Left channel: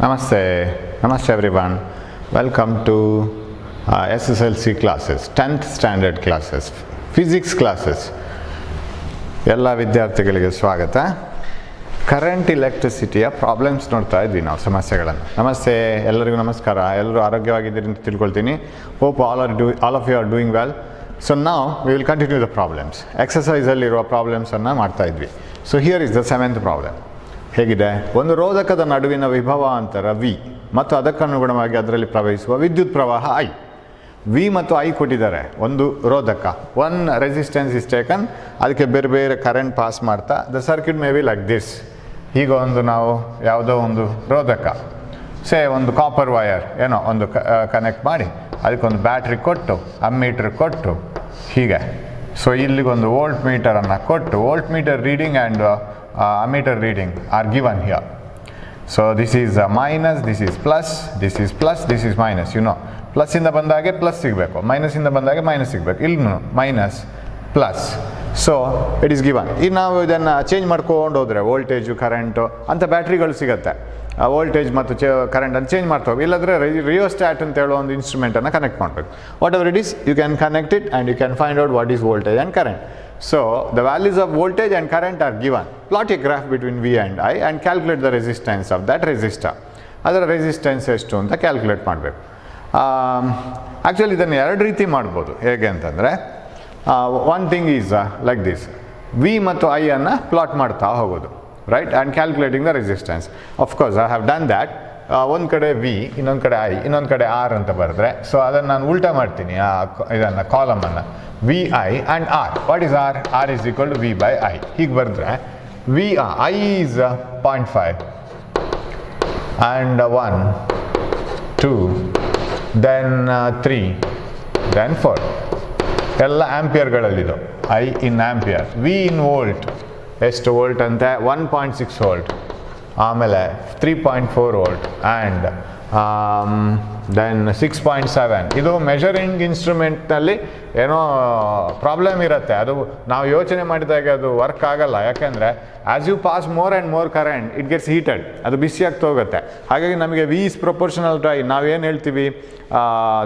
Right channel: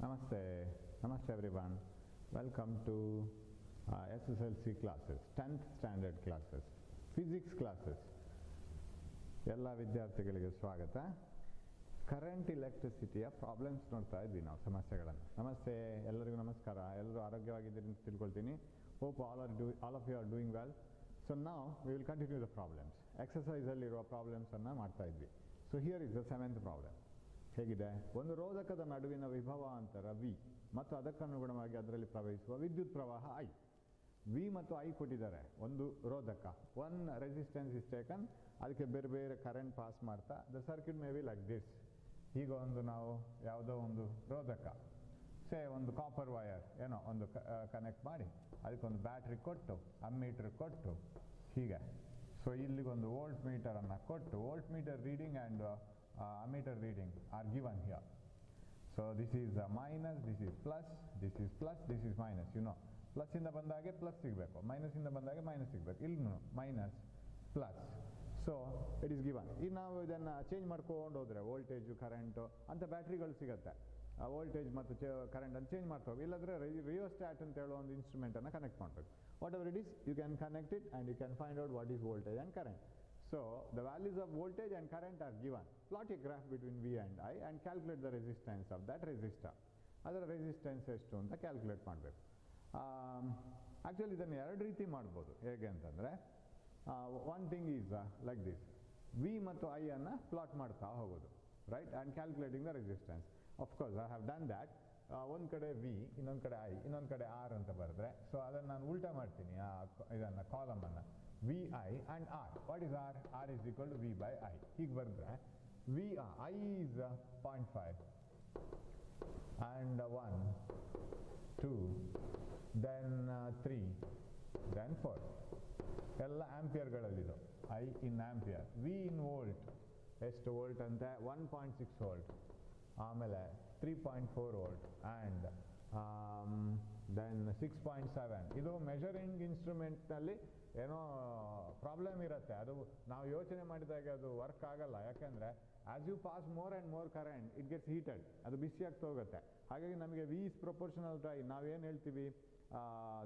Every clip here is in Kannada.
Namaste everyone. Welcome to SSLC classes, 10th standard classes, physics classes. ಎಲ್ಲ ವಿದ್ಯಾರ್ಥಿಗಳಿಗೆ ಸ್ವಾಗತ. ಕರೆಂಟ್ ಇಲೆಕ್ಟ್ರಿಸಿಟಿಯ ಪ್ರಾಬ್ಲಮ್ಸ್ ನೋಡ್ತಾ ಇದ್ವಿ ನಾವು, ಸಮಸ್ಯೆಗಳನ್ನು. ನಮಸ್ತೆ, ಎಲ್ಲರಿಗೂ ನಮಸ್ಕಾರ. ಎಲ್ಲರೂ ಆರೋಗ್ಯವಾಗಿದ್ದೀರಿ ಅಂತ ತಿಳ್ಕೊಳ್ತೀನಿ. Hope all of you are doing well. So ನಾವು we will continue the problems. ಎಕ್ಸಸೈಸಲ್ಲಿರುವ ಪ್ರಾಬ್ಲಮ್ಸನ್ನು ಮಾಡ್ತಾ ಇದ್ವಿ. So here is the 7th problem. ಹೇಗಿದೆ? ಒಂದು ರೋಧಕದ ನಡುವಿನ ವಿಭವಾಂತರ ವಿ ಮತ್ತು ಅದಕ್ಕನುಗುಣವಾಗಿ ಅದರಲ್ಲಿ ಪ್ರವಹಿಸುವ ವಿದ್ಯುತ್ ಪ್ರವಾಹ ಐ. ವಿ ಮತ್ತು ಐ ಕೊಟ್ಟಿದ್ದಾರೆ. ಒಂದು ರೋಧಕ, ಒನ್ ರೆಸಿಸ್ಟೆನ್ಸ್ ಇಸ್ ಟೇಕನ್, ಅದಕ್ಕೆ ಬೇರೆ ಬೇರೆ ಕರೆಂಟ್ ಪಾಸ್ ಮಾಡ್ತಾ the circuit May be like this. ಈಗ ಒಂದು ನಾವು ಯಾವುದೋ ಒಂದು ರೋಧಕ, ಒಂದು ಕಾಪರ್ ವಯರ್ ಏನೋ ಒಂದು ಕನೆಕ್ಟ್ ಮಾಡಿ ಅದಕ್ಕೊಂದು ಬ್ಯಾಟ್ರಿ ಕೊಟ್ಟು, ಅಮ್ಮೀಟರ್ ಕೊಟ್ಟು ಹೀಗೆ. ಸೊ ಇಲ್ಲಿಗೊಂದು ವೋಲ್ಟ್ ಮೀಟರನ್ನು ಕೊಟ್ಟು, volt meter reading and ammeter reading are given here. So this is minus, this is plus, this is plus, this is minus. You know, plus ಇಂದ ಬಂದಾಗೆ ಪ್ಲಸ್ ಸಿಗಬೇಕು, ಮೈನಸ್ ಇಂದ ಬಂದಾಗೆ ಮೈನಸ್ ಸಿಗಬೇಕು. ಇಲ್ಲಿ minus plus. So it is given. ಈಗ ನಾವು ಇದನ್ನು ಚೇಂಜ್ ಮಾಡ್ಕೊಂಡು ಹೋದರೆ ವೋಲ್ಟೇಜು ಕರೆಂಟು ಅಂತ ಬ್ಯಾಟ್ರಿಗಳು ಸಿಗುತ್ತೆ. ವೋಲ್ಟೇಜ್ ಮತ್ತು ಕರೆಂಟನ್ನು ಚೇಂಜ್ ಮಾಡ್ತಾ ಹೋಗಿ. ಇಲ್ಲಾಂದರೆ ರಿಯೋಸ್ಟ್ಯಾಟ್ ಅಂತ ಹೇಳೋ ಒಂದು ಇನ್ಸ್ಟ್ರೂಮೆಂಟನ್ನು ಕನೆಕ್ಟ್ ಮಾಡಬೇಕು. Whatever it is, you can connect it and you can find out what is voltage and current. So the values of voltage and current are given. Plot a graph between V and I and calculate the resistance of that resistor. ಅದರ ರೆಸಿಸ್ಟೆನ್ಸ್ ಎಷ್ಟು ಅಂತ ಕ್ಯಾಲ್ಕುಲೇಟ್ ಮಾಡಬೇಕು. ಆ್ಯಕ್ಚುಲಿ ಇದನ್ನು ಎರಡು ರೀತಿ ಮಾಡ್ಬೋದು. ಹೇಗೆ ಅಂತಂದರೆ, one thing is like this. V ಮತ್ತು ಐ ಅನ್ನು ಪ್ಲಾಟ್ ಮಾಡ್ತಾ ಹೋಗೋದು, right, and calculating the resistance. Of course I have done that. ಒಂದು ಕಡೆ ವಿ, ಇನ್ನೊಂದು ಕಡೆ ಐ, ಇನ್ನೊಂದು ಕಡೆ ಆರ್ ಅಂತ ಬರೆದ್ರೆ, ಸೊ ಅದನ್ನು ನಾನು ಉಲ್ಟಾ ಮಾಡ್ತೀನಿ. ಇದನ್ನು ಕಾಲಮನ್ನು V I and R. What is R? R is equal to V by I. ಹೀಗೆ ಬರೆದ್ರೆ V I is 0.5 and 1 2 then 3 then 4 ಎಲ್ಲ ಆ್ಯಂಪಿಯರ್ಗಳಲ್ಲಿದು. I in ampere, V in volt. ಎಷ್ಟು ವೋಲ್ಟ್ ಅಂತೆ? 1.6 ವೋಲ್ಟ್. ಆಮೇಲೆ 3.4 ವೋಲ್ಟ್ ಆ್ಯಂಡ್ ದೆನ್ 6.7. ಇದು ಮೆಷರಿಂಗ್ ಇನ್ಸ್ಟ್ರೂಮೆಂಟ್ನಲ್ಲಿ ಏನೋ ಪ್ರಾಬ್ಲಮ್ ಇರುತ್ತೆ. ಅದು ನಾವು ಯೋಚನೆ ಮಾಡಿದಾಗ ಅದು ವರ್ಕ್ ಆಗಲ್ಲ. ಯಾಕೆಂದರೆ as you pass more and more current it gets heated, ಅದು ಬಿಸಿ ಆಗ್ತಾ ಹೋಗುತ್ತೆ. ಹಾಗಾಗಿ ನಮಗೆ V is proportional to I. ನಾವೇನು ಹೇಳ್ತೀವಿ,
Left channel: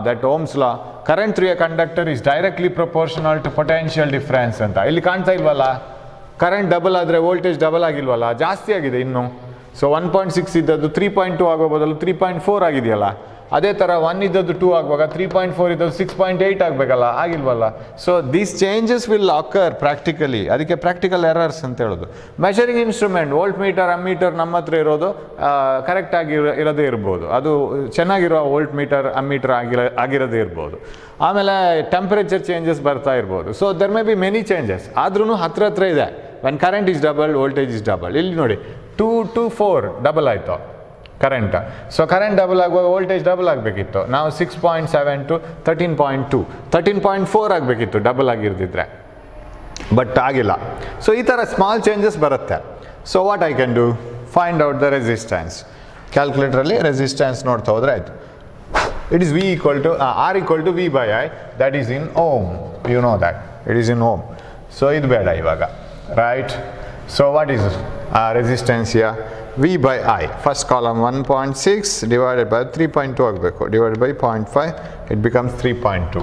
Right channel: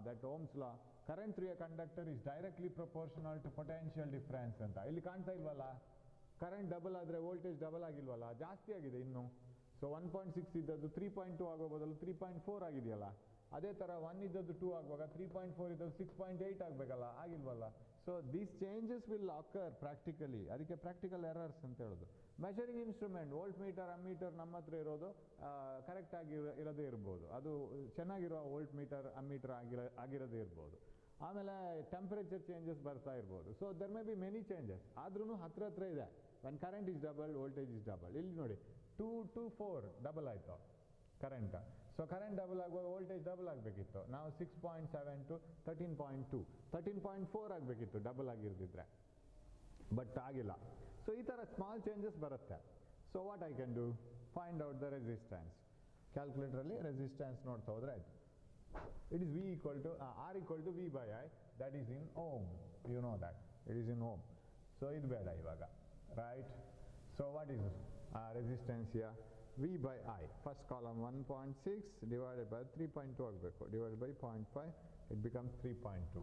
that Ohm's law, current through a conductor is directly proportional to potential difference ಅಂತ. ಇಲ್ಲಿ ಕಾಣ್ತಾ ಇಲ್ವಲ್ಲ, ಕರೆಂಟ್ ಡಬಲ್ ಆದರೆ ವೋಲ್ಟೇಜ್ ಡಬಲ್ ಆಗಿಲ್ವಲ್ಲ, ಜಾಸ್ತಿ ಆಗಿದೆ ಇನ್ನು. ಸೊ 1.6 ಇದ್ದದ್ದು 3.2 ಆಗೋ ಬದಲು 3.4 ಆಗಿದೆಯಲ್ಲ. ಅದೇ ಥರ 1 ಇದ್ದದ್ದು 2 ಆಗುವಾಗ 3.4 ಇದ್ದದ್ದು 6.8 ಆಗಬೇಕಲ್ಲ, ಆಗಿಲ್ವಲ್ಲ. So these changes will occur practically. ಅದಕ್ಕೆ ಪ್ರಾಕ್ಟಿಕಲ್ ಎರರ್ಸ್ ಅಂತ ಹೇಳೋದು. Measuring instrument, voltmeter, ammeter ನಮ್ಮ ಹತ್ರ ಇರೋದು ಕರೆಕ್ಟಾಗಿ ಇರೋದೇ ಇರ್ಬೋದು. ಅದು ಚೆನ್ನಾಗಿರೋ ವೋಲ್ಟ್ ಮೀಟರ್, ಅಮ್ಮೀಟರ್ ಆಗಿರೋದೇ ಇರ್ಬೋದು. ಆಮೇಲೆ ಟೆಂಪರೇಚರ್ ಚೇಂಜಸ್ ಬರ್ತಾ ಇರ್ಬೋದು. So there may be many changes. ಆದ್ರೂ ಹತ್ರ ಇದೆ. When current is double, voltage is double. ಇಲ್ಲಿ ನೋಡಿ 2 to 4 ಡಬಲ್ ಆಯಿತು ಕರೆಂಟ್. ಸೊ ಕರೆಂಟ್ ಡಬಲ್ ಆಗುವಾಗ ವೋಲ್ಟೇಜ್ ಡಬಲ್ ಆಗಬೇಕಿತ್ತು. ನಾವು 6.7 to 13.2, 13.4 ಆಗಬೇಕಿತ್ತು ಡಬಲ್ ಆಗಿರ್ದಿದ್ರೆ, ಬಟ್ ಆಗಿಲ್ಲ. ಸೊ ಈ ಥರ ಸ್ಮಾಲ್ ಚೇಂಜಸ್ ಬರುತ್ತೆ. So what I can do? Find out the resistance. ಕ್ಯಾಲ್ಕುಲೇಟ್ರಲ್ಲಿ ರೆಸಿಸ್ಟೆನ್ಸ್ ನೋಡ್ತಾ ಹೋದರೆ ಆಯಿತು. It is V equal to R equal to V by I. That is in ohm. You know that it is in ohm. So ಇದು ಬೇಡ ಇವಾಗ, right? So what is resistance here? V by I. First column 1.6 divided by 3.2 ಆಗಬೇಕು, divided by 0.5, it becomes 3.2.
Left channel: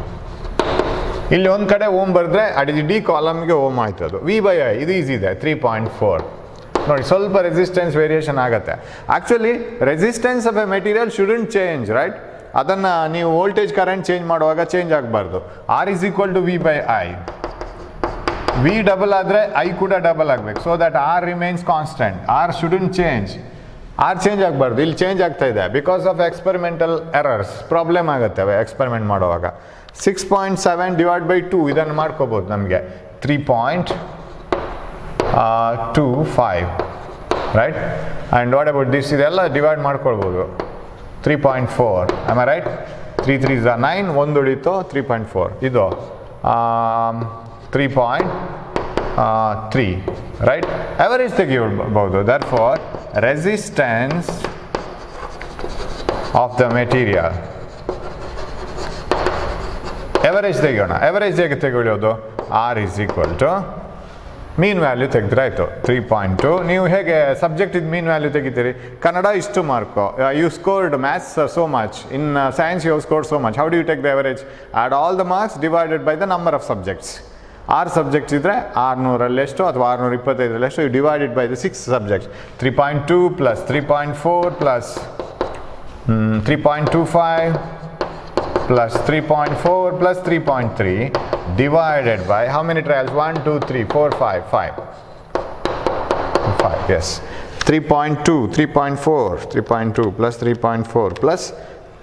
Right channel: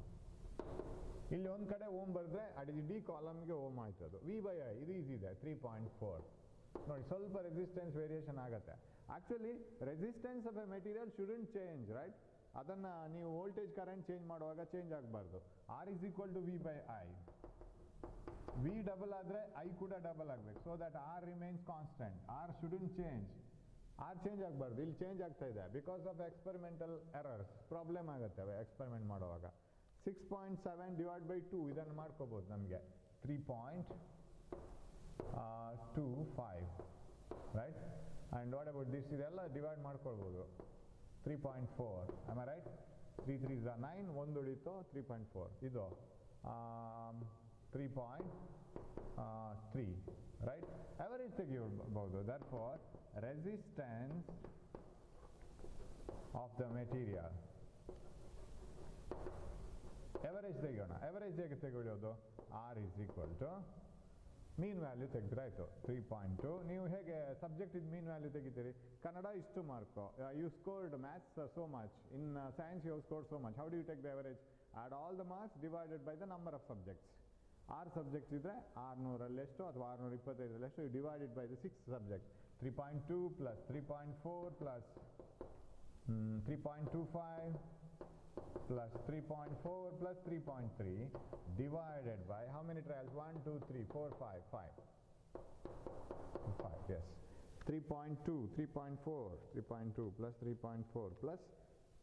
ಇಲ್ಲಿ ಒಂದು ಕಡೆ ಓಮ್ ಬರೆದ್ರೆ ಡಿ ಕಾಲಮ್ಗೆ ಓಮ್ ಆಯ್ತು. ಅದು ವಿ ಬೈ ಐ ಇದು ಈಸಿ ಇದೆ, 3.4. ನೋಡಿ, ಸ್ವಲ್ಪ ರೆಸಿಸ್ಟೆನ್ಸ್ ವೇರಿಯೇಷನ್ ಆಗುತ್ತೆ. Actually resistance of a material shouldn't change, right? ಅದನ್ನು ನೀವು ವೋಲ್ಟೇಜ್ ಕರೆಂಟ್ ಚೇಂಜ್ ಮಾಡುವಾಗ ಚೇಂಜ್ ಆಗಬಾರ್ದು. R is equal to V by I. V double ಆದರೆ ಐ ಕೂಡ ಡಬಲ್ ಆಗಬೇಕು. So that R remains constant. R shouldn't change. R change ಆಗಬಾರ್ದು. ಇಲ್ಲಿ ಚೇಂಜ್ ಆಗ್ತಾ ಇದೆ because of experimental errors. Problem ಆಗುತ್ತೆ ಎಕ್ಸ್ಪೆರಿಮೆಂಟ್ ಮಾಡುವಾಗ. 6.7 ಡಿವೈಡ್ ಬೈ 2 ಇದನ್ನು ಮಾಡ್ಕೋಬೋದು ನಮಗೆ 3.25, right? And what about this? ಇದೆಲ್ಲ ಡಿವೈಡ್ ಮಾಡ್ಕೊಳ್ಬೋದು. 3.4, ಆಮ್ ಐ ರೈಟ್? 3 3 9, ಒಂದು ಉಳಿತು 3.4. ಇದು 3.3, right? Average ತೆಗಿಬಹುದು. Therefore, resistance of the material. Average ತೆಗಿಯೋಣ. Average ಹೇಗೆ ತೆಗೆಯೋದು? R is equal to mean value ತೆಗೆದ್ರೆ ಆಯಿತು 3.2. ನೀವು ಹೇಗೆ ಸಬ್ಜೆಕ್ಟಿದ್ದು ಮೀನ್ ವ್ಯಾಲ್ಯೂ ತೆಗಿತೀರಿ? ಕನ್ನಡ ಇಷ್ಟು mark, you scored maths so much, in science you scored so much, how do you take the average? Add all the marks divided by the number of subjects. 6 subjects ಇದ್ದರೆ 600ರಲ್ಲೆಷ್ಟು ಅಥವಾ 625ರಲ್ಲೆಷ್ಟು, you divided by the 6 subjects. 3.2 plus 3.4 plus 3.25 plus 3.4 plus 3.3 divided by how many trials? 1, 2, 3, 4, 5, 5. 5, yes. 3.2, 3.4, 3.2 plus 3.4 plus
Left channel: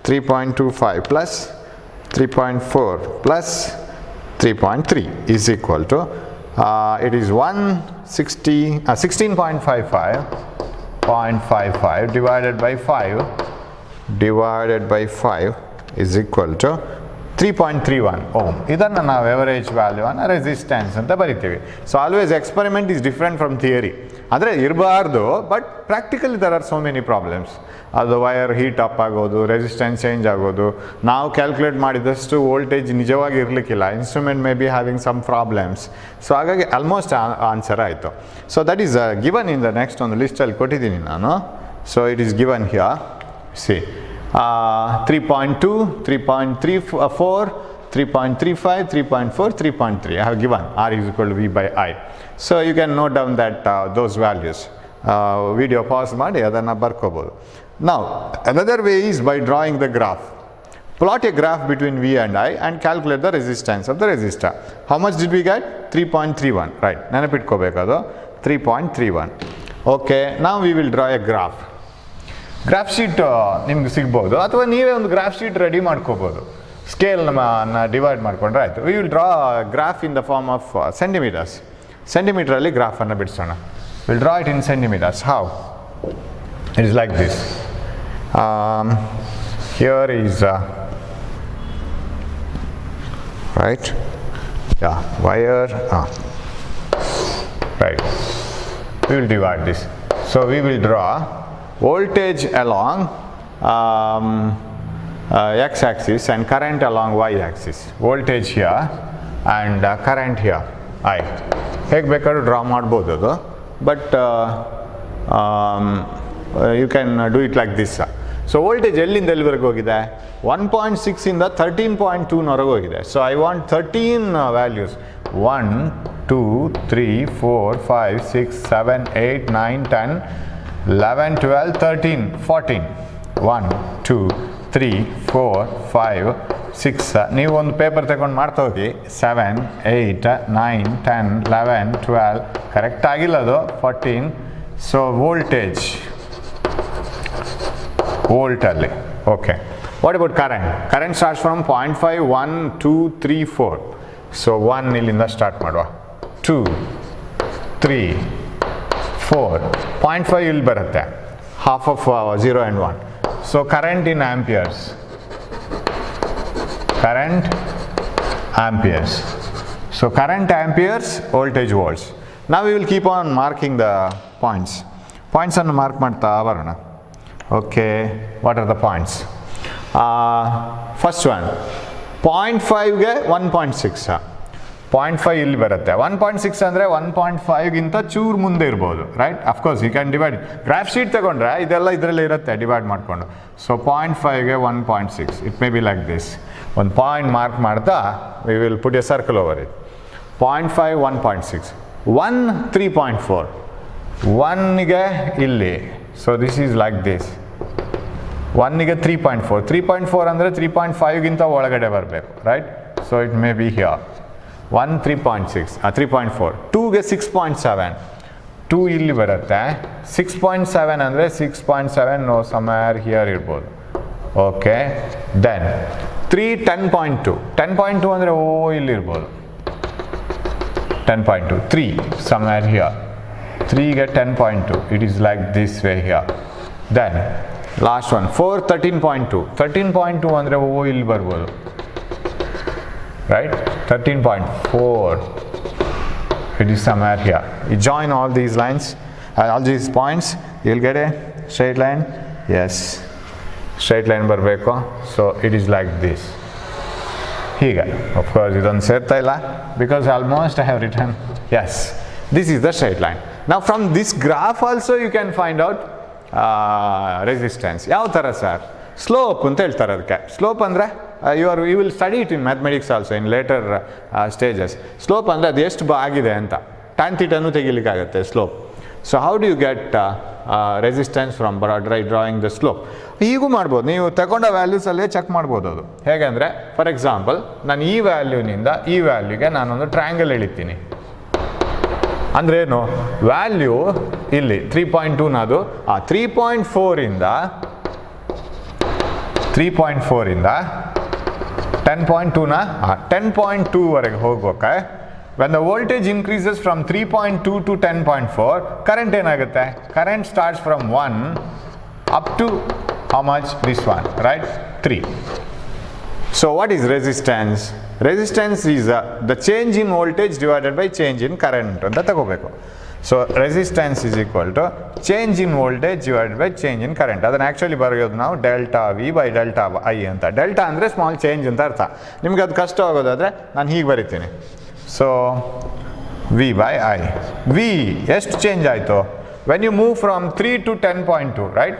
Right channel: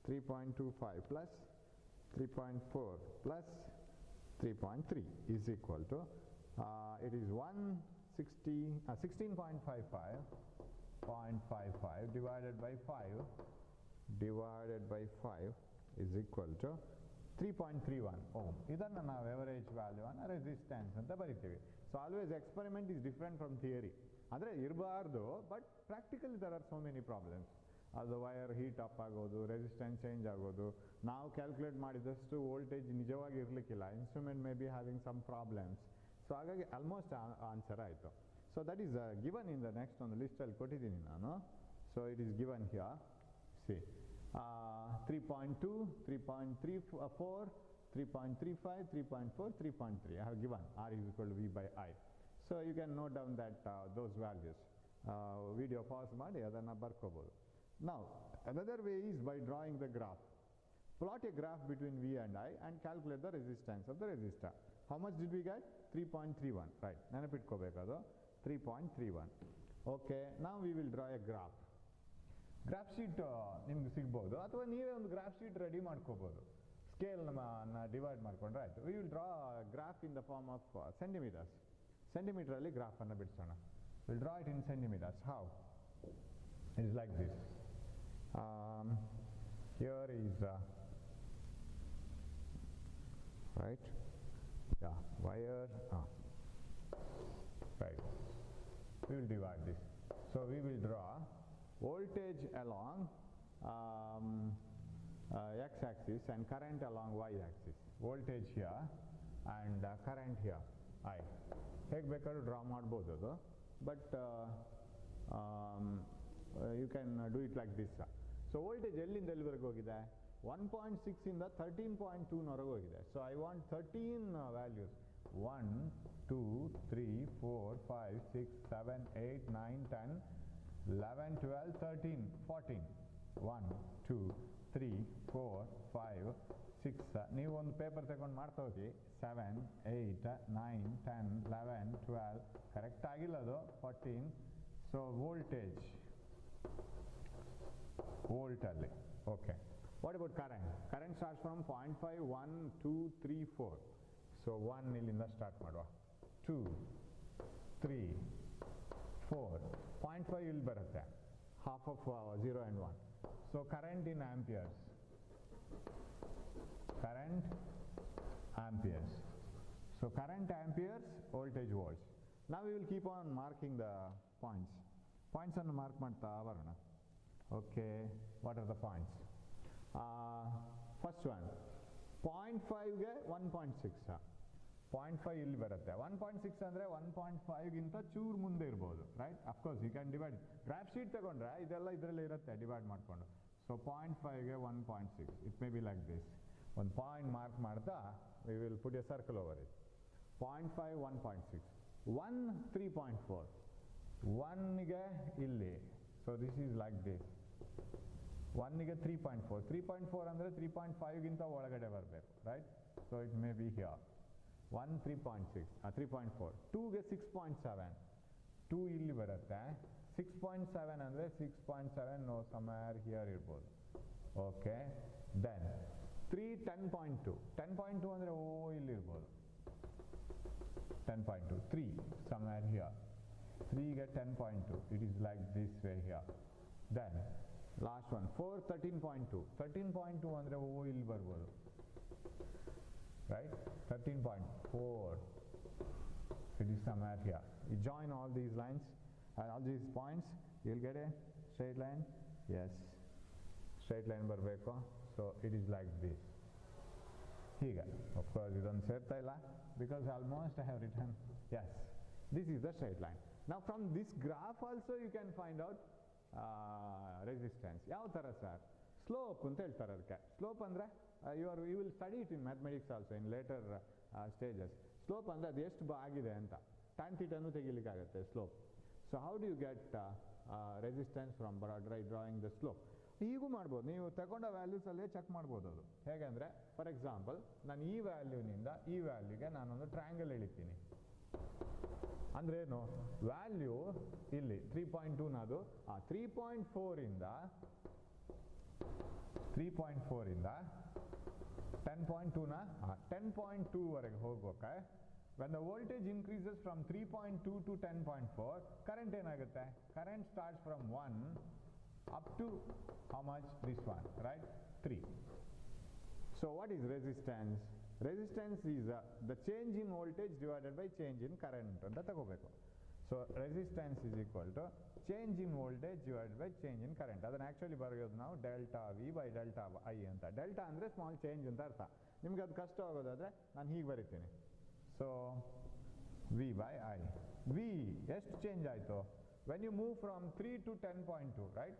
3.25 plus 3.4 plus 3.3 is equal to, it is 16.55 divided by 5 is equal to 3.31 ohm. ಇದನ್ನು ನಾವು ಎವರೇಜ್ ವ್ಯಾಲ್ಯೂವನ್ನು ರೆಸಿಸ್ಟೆನ್ಸ್ ಅಂತ ಬರಿತೀವಿ. So always experiment is different from theory. ಅಂದರೆ ಇರಬಾರ್ದು, but practically there are so many problems. ಅದು ವೈರ್ ಹೀಟ್ ಅಪ್ ಆಗೋದು, ರೆಸಿಸ್ಟೆನ್ಸ್ ಚೇಂಜ್ ಆಗೋದು, ನಾವು ಕ್ಯಾಲ್ಕುಲೇಟ್ ಮಾಡಿದಷ್ಟು ವೋಲ್ಟೇಜ್ ನಿಜವಾಗಿ ಇರಲಿಕ್ಕಿಲ್ಲ, instrument may be having some problems. So ಹಾಗಾಗಿ ಆಲ್ಮೋಸ್ಟ್ ಆನ್ಸರ್ ಆಯಿತು. So that is given in the next ಒಂದು ಲಿಸ್ಟಲ್ಲಿ ಕೊಟ್ಟಿದ್ದೀನಿ ನಾನು. So it is given here. See 3.2, 3.34, 3.35, 3.4, 3.3. I have given R is equal to V by I. So you can note down that those values. Video pause ಮಾಡಿ ಅದನ್ನು ಬರ್ಕೋಬೋದು. Now another way is by drawing the graph. Plot a graph between V and I and calculate the resistance of the resistor. How much did we get? 3.31. Right. ನೆನಪಿಟ್ಕೋಬೇಕದು 3.31. Okay. Now we will draw a graph. Graph sheet ನಿಮ್ಗೆ ಸಿಗ್ಬೋದು, ಅಥವಾ ನೀವೇ ಒಂದು ಗ್ರಾಫ್ ಶೀಟ್ ರೆಡಿ ಮಾಡ್ಕೋಬೋದು. ಸ್ಕೇಲ್ನ ಡಿವೈಡ್ ಮಾಡಿಕೊಂಡ್ರೆ ಆಯಿತು. We will draw graph in the form of centimetres. ಸೆಂಟಿಮೀಟ್ರಲ್ಲಿ ಗ್ರಾಫನ್ನು ಬಿಡಿಸೋಣ. Will draw it in centimetres. How? It is like this. Here is right, yeah, wire, right. We will divide this. So we will draw voltage along x-axis and current along y-axis. Voltage here and current here, I. ಹೇಗೆ ಬೇಕಾದ್ರೂ ಡ್ರಾ ಮಾಡ್ಬೋದು ಅದು, but you can do it like this. So voltage ಎಲ್ಲಿಂದ ಎಲ್ಲಿವರೆಗೆ ಹೋಗಿದೆ? 1.6 ಇಂದ 13.2ನವರೆಗೆ ಹೋಗಿದೆ. So I want 13 values. 1, 2, 3, 4, 5, 6, 7, 8, 9, 10, 11, 12, 13, 14. 1, 2, 3, 4, 5, 6. ನೀವು ಒಂದು ಪೇಪರ್ ತಗೊಂಡು ಮಾಡ್ತಾ ಹೋಗಿ. 7, 8, 9, 10, 11, 12. ಕರೆಕ್ಟ್ ಆಗಿಲ್ಲ ಅದು. 14. ಸೊ ವೋಲ್ಟೇಜ್ ವೋಲ್ಟಲ್ಲಿ. Okay. What about current? Current starts from 0.5, 1, 2, 3, 4. So 1 ಇಲ್ಲಿಂದ ಸ್ಟಾರ್ಟ್ ಮಾಡುವ. 2, 3, 4. 0.5 ಇಲ್ಲಿ ಬರುತ್ತೆ, half of 0 and 1. So current in amperes. Current amperes. So current amperes, voltage volts. Now we will keep on marking the points. Points ಅನ್ನು ಮಾರ್ಕ್ ಮಾಡ್ತಾ ಬರೋಣ. Okay, what are the points? First one, 0.5ಗೆ 1.6. 0.5 ಇಲ್ಲಿ ಬರುತ್ತೆ. 1.6 ಅಂದರೆ 1.5ಗಿಂತ ಚೂರು ಮುಂದೆ ಇರ್ಬೋದು, right? Of course you can divide. Graph sheet ತಗೊಂಡ್ರೆ ಇದೆಲ್ಲ ಇದರಲ್ಲಿ ಇರುತ್ತೆ ಡಿವೈಡ್ ಮಾಡಿಕೊಂಡು. ಸೊ 0.5ಗೆ 1.6, it may be like this. ಒಂದು ಪಾಯಿಂಟ್ ಮಾರ್ಕ್ ಮಾಡ್ತಾ we will put a circle over it. 0.5, 1.6. 1, 3.4. 1ಗೆ ಇಲ್ಲಿ. So this is like this. 1ಗೆ 3.4. 3.4 ಅಂದರೆ 3.5ಗಿಂತ ಒಳಗಡೆ ಬರಬೇಕು, right? So it may be here. 1, 3.6, 3.4. 2ಗೆ 6.7. 2 ಇಲ್ಲಿ ಬರುತ್ತೆ. 6.7 ಅಂದರೆ 6.7 ನೋ ಸಮ್ವೇರ್ ಹಿಯರ್ ಇರ್ಬೋದು. ಓಕೆ. ದೆನ್ 3, 10.2. 10.2 ಅಂದರೆ ಇಲ್ಲಿ ಇರ್ಬೋದು. 10.2. 3 ಸಮ್ವೇರ್ ಹಿಯರ್. 3ಗೆ 10.2. It is like this way here. Then last one 4, 13.2. 13.2 ಅಂದರೆ ಇಲ್ಲಿ ಬರ್ಬೋದು, right? 13.4. It is somewhere here. You join all these lines, all these points, you'll get a straight line. Yes, straight line ಬರಬೇಕು. So it is like this. ಹೀಗೆ. Of course ಇದೊಂದು ಸೇರ್ತಾ ಇಲ್ಲ because almost I have written. Yes, This is the straight line. Now from this graph also you can find out resistance. ಯಾವ ಥರ ಸರ್? ಸ್ಲೋಪ್ ಅಂತ ಹೇಳ್ತಾರೆ ಅದಕ್ಕೆ. ಸ್ಲೋಪ್ ಅಂದರೆ you will study it in mathematics also in later stages. Slope ಅಂದರೆ ಅದು ಎಷ್ಟು ಆಗಿದೆ ಅಂತ. tan thetaನು ತೆಗಿಲಿಕ್ಕಾಗತ್ತೆ slope. So how do you get resistance from drawing the slope? ಹೀಗೂ ಮಾಡ್ಬೋದು, ನೀವು ತಗೊಂಡ ವ್ಯಾಲ್ಯೂಸಲ್ಲೇ ಚೆಕ್ ಮಾಡ್ಬೋದು. ಅದು ಹೇಗೆ ಅಂದರೆ, ಫಾರ್ ಎಕ್ಸಾಂಪಲ್ ನಾನು ಈ ವ್ಯಾಲ್ಯೂನಿಂದ ಈ ವ್ಯಾಲ್ಯೂಗೆ ನಾನೊಂದು ಟ್ರಯಾಂಗಲ್ ಎಳಿತೀನಿ. ಅಂದರೆ ಏನು, ವ್ಯಾಲ್ಯೂ ಇಲ್ಲಿ 3.2ನದು 3.4 ಇಂದ 10.2ನ 10.2ವರೆಗೆ ಹೋಗ್ಬೇಕಾ. When the voltage increases from 3.2 to 10.4, current ಏನಾಗುತ್ತೆ? Current starts from 1 up to how much? This one, right? 3. So what is resistance? Resistance is the change in voltage divided by change in current ಅಂತ ತಗೋಬೇಕು. So resistance is equal to change in voltage divided by change in current. ಅದನ್ನು ಆ್ಯಕ್ಚುಲಿ ಬರೆಯೋದು ನಾವು delta V by delta I ಅಂತ. ಡೆಲ್ಟಾ ಅಂದರೆ ಸ್ಮಾಲ್ ಚೇಂಜ್ ಅಂತ ಅರ್ಥ. ನಿಮ್ಗೆ ಅದು ಕಷ್ಟ ಆಗೋದಾದರೆ ನಾನು ಹೀಗೆ ಬರಿತೀನಿ. So V by I. V ಎಷ್ಟು ಚೇಂಜ್ ಆಯಿತು? When you move from 3 to 10.2, right?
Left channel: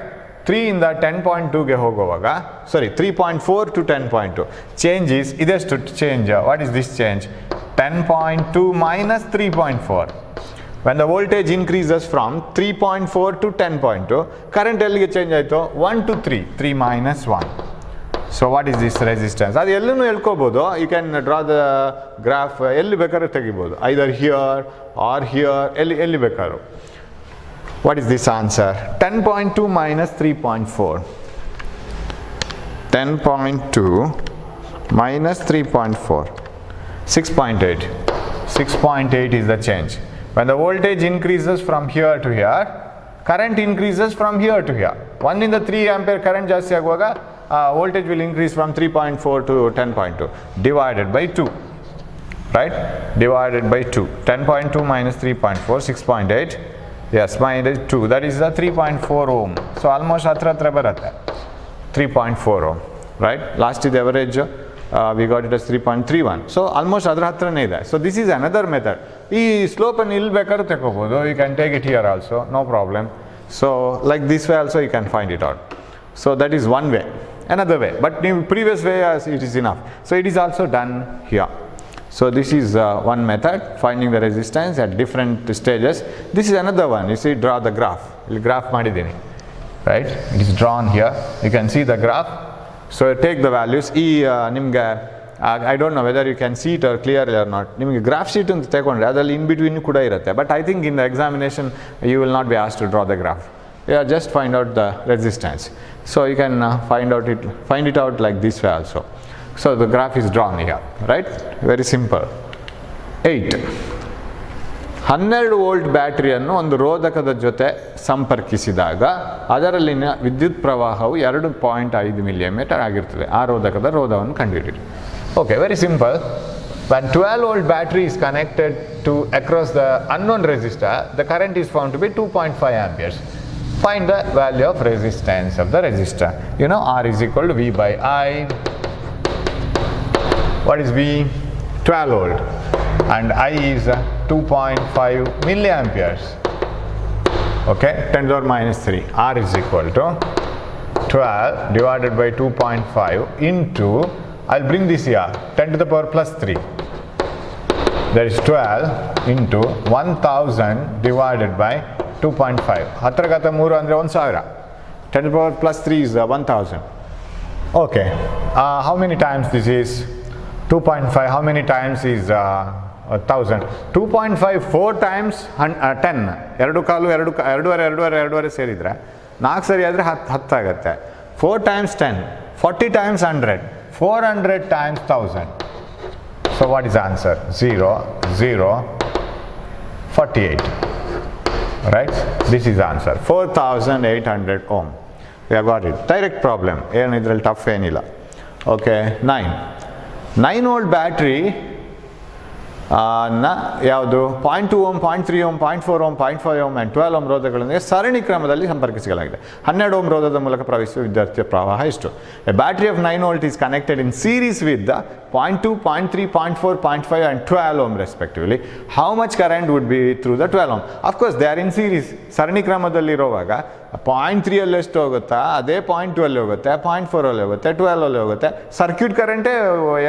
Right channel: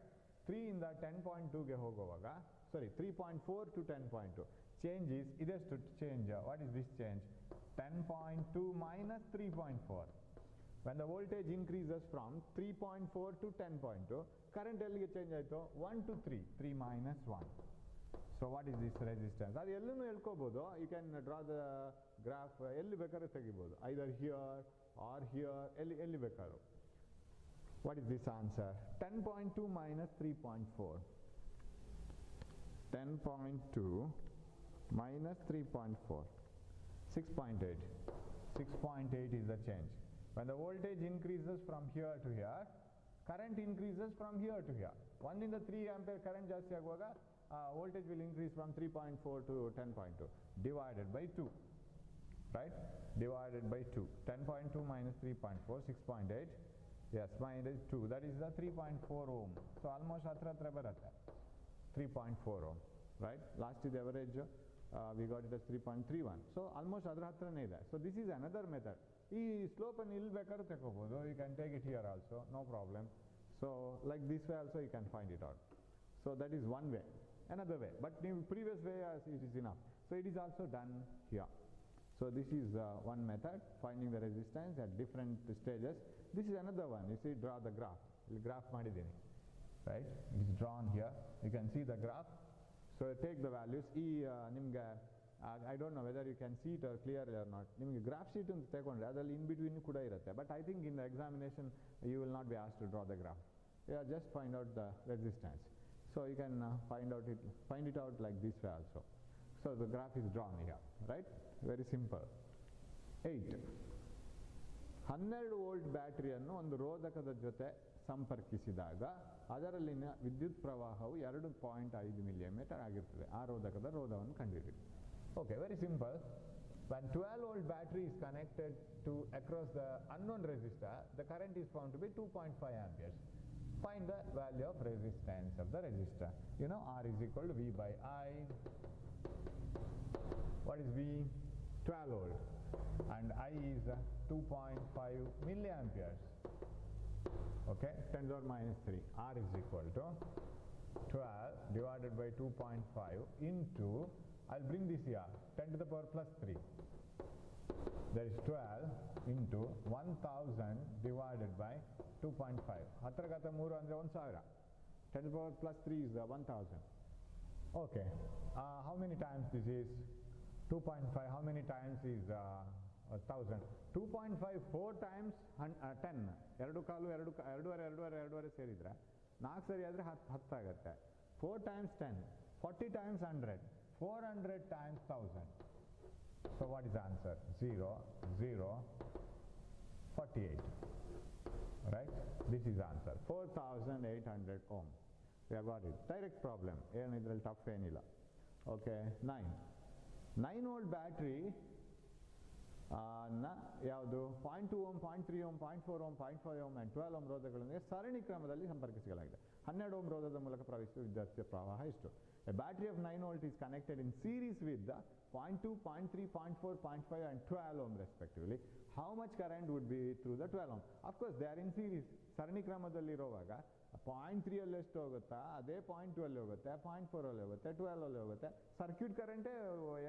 3 ಇಂದ 10.2ಗೆ ಹೋಗುವಾಗ, sorry 3.4 to 10.2. Change is, ಇದೆಷ್ಟು change? What is this change? 10.2 minus 3.4. When the voltage increases from 3.4 to 10.2, current ಎಲ್ಲಿಗೆ ಚೇಂಜ್ ಆಯಿತು? 1 to 3. 3 minus 1. So what is this resistance? ಅದು ಎಲ್ಲನೂ ಹೇಳ್ಕೋಬೋದು. You can draw the graph ಎಲ್ಲಿ ಬೇಕಾದ್ರೂ ತೆಗಿಬೋದು. Either here or here, ಎಲ್ಲಿ ಬೇಕಾದ್ರೂ. What is this answer? 10.2 minus 3.4. 10.2 minus 3.4. 6.8. 6.8 is the change. When the voltage increases from here to here, current increases from here to here. 1 ಇಂದ 3 ಆಂಪಿಯರ್ ಕರೆಂಟ್ ಜಾಸ್ತಿ ಆಗುವಾಗ voltage will increase from 3.4 to 10.2 divided by 2, right? Divided by 2. 10.2 minus 3.4, 6.8. Yes, minus 2, that is the 3.4 ohm. So almost hatra baratte 3.4 ohm, right? Last is the average, we got it as 3.31. So almost adra hatrane ide. So this is another method. Ee slope annu illi bekadu tekobodu. You can take it here also, no problem. So like this way also you can find it out. So that is one way. Another way, but in previous way it is enough. So it is also done here. So this is one method, finding the resistance at different stages. This is another one. You see, draw the graph. Graph madidini, right? It is drawn here. You can see the graph. So take the values. Nimge I don't know whether you can see it or clearly or not. Nimge graph sheet anta tekondre adalli in between kuda irutte. But I think in the examination you will not be asked to draw the graph. Yeah, just find out the resistance. So you can find it out like this way also. So the graph is drawn here, right? Very simple. 8. 12 volt ಬ್ಯಾಟರಿಯನ್ನು ಒಂದು ರೋಧಕದ ಜೊತೆ ಸಂಪರ್ಕಿಸಿದಾಗ ಅದರಲ್ಲಿನ ವಿದ್ಯುತ್ ಪ್ರವಾಹವು 2.5 ಮಿಲಿಮೀಟರ್ ಆಗಿರುತ್ತದೆ. ಆ ರೋಧಕದ ರೋಧವನ್ನು ಕಂಡುಹಿಡಿಯಿರಿ. Okay, very simple. When 12 volt battery is connected to across the unknown resistor, the current is found to be 2.5 amperes. Find the value of resistance of the resistor. You know, R is equal to V by I. What is V? 12 volt. And I is 2.5 milliamperes. Okay, 10 to the power minus 3. R is equal to 12 divided by 2.5 into, I'll bring this here, 10 to the power plus 3. That is 12 into 1000 divided by 2.5. ಹತ್ರ ಗತ 3 ಅಂದರೆ 1000. 10 to the power plus 3 is 1000. Okay, how many times this is? 2.5. How many times is 1000? 2.5 4 times 10. 2 ಕಾಲು 2.5 ಸೇರಿದರೆ 4 ಸರಿ ಆದರೆ 10 ಆಗುತ್ತೆ. 4 times 10, 40 times 100, 400 times 1000. So what is the answer? 0, 0, 48. Right? This is the answer. 4800 ohm. We have got it. Direct problem. ಏನು ಇದರಲ್ಲಿ ಟಫ್ ಏನಿಲ್ಲ. Okay, 9 volt battery ಯಾವುದು 0.2 ohm, 0.3 ohm, 0.4 ohm, 0.5 ohm and 12 ohm ರೋಧಗಳೊಂದಿಗೆ ಸರಣಿ ಕ್ರಮದಲ್ಲಿ ಸಂಪರ್ಕಿಸಲಾಗಿದೆ. 12 ಓಮ್ ರೋಧದ ಮೂಲಕ ಪ್ರವಹಿಸುವ ವಿದ್ಯುತ್ ಪ್ರವಾಹ ಎಷ್ಟು? A battery of 9 volt is connected in series with the 0.2, 0.3, 0.4, 0.5 and 12 ohm respectively. How much current would be through the 12 ohm? Of course they are in series. ಸರಣಿ ಕ್ರಮದಲ್ಲಿರುವಾಗ 0.3 ಅಲ್ಲಿ ಎಷ್ಟು ಹೋಗುತ್ತಾ ಅದೇ 0.2 ಅಲ್ಲಿ ಹೋಗುತ್ತೆ, 0.4 ಅಲ್ಲಿ ಹೋಗುತ್ತೆ, 12 ಅಲ್ಲಿ ಹೋಗುತ್ತೆ. ಸರ್ಕ್ಯೂಟ್ ಕರೆಂಟೇ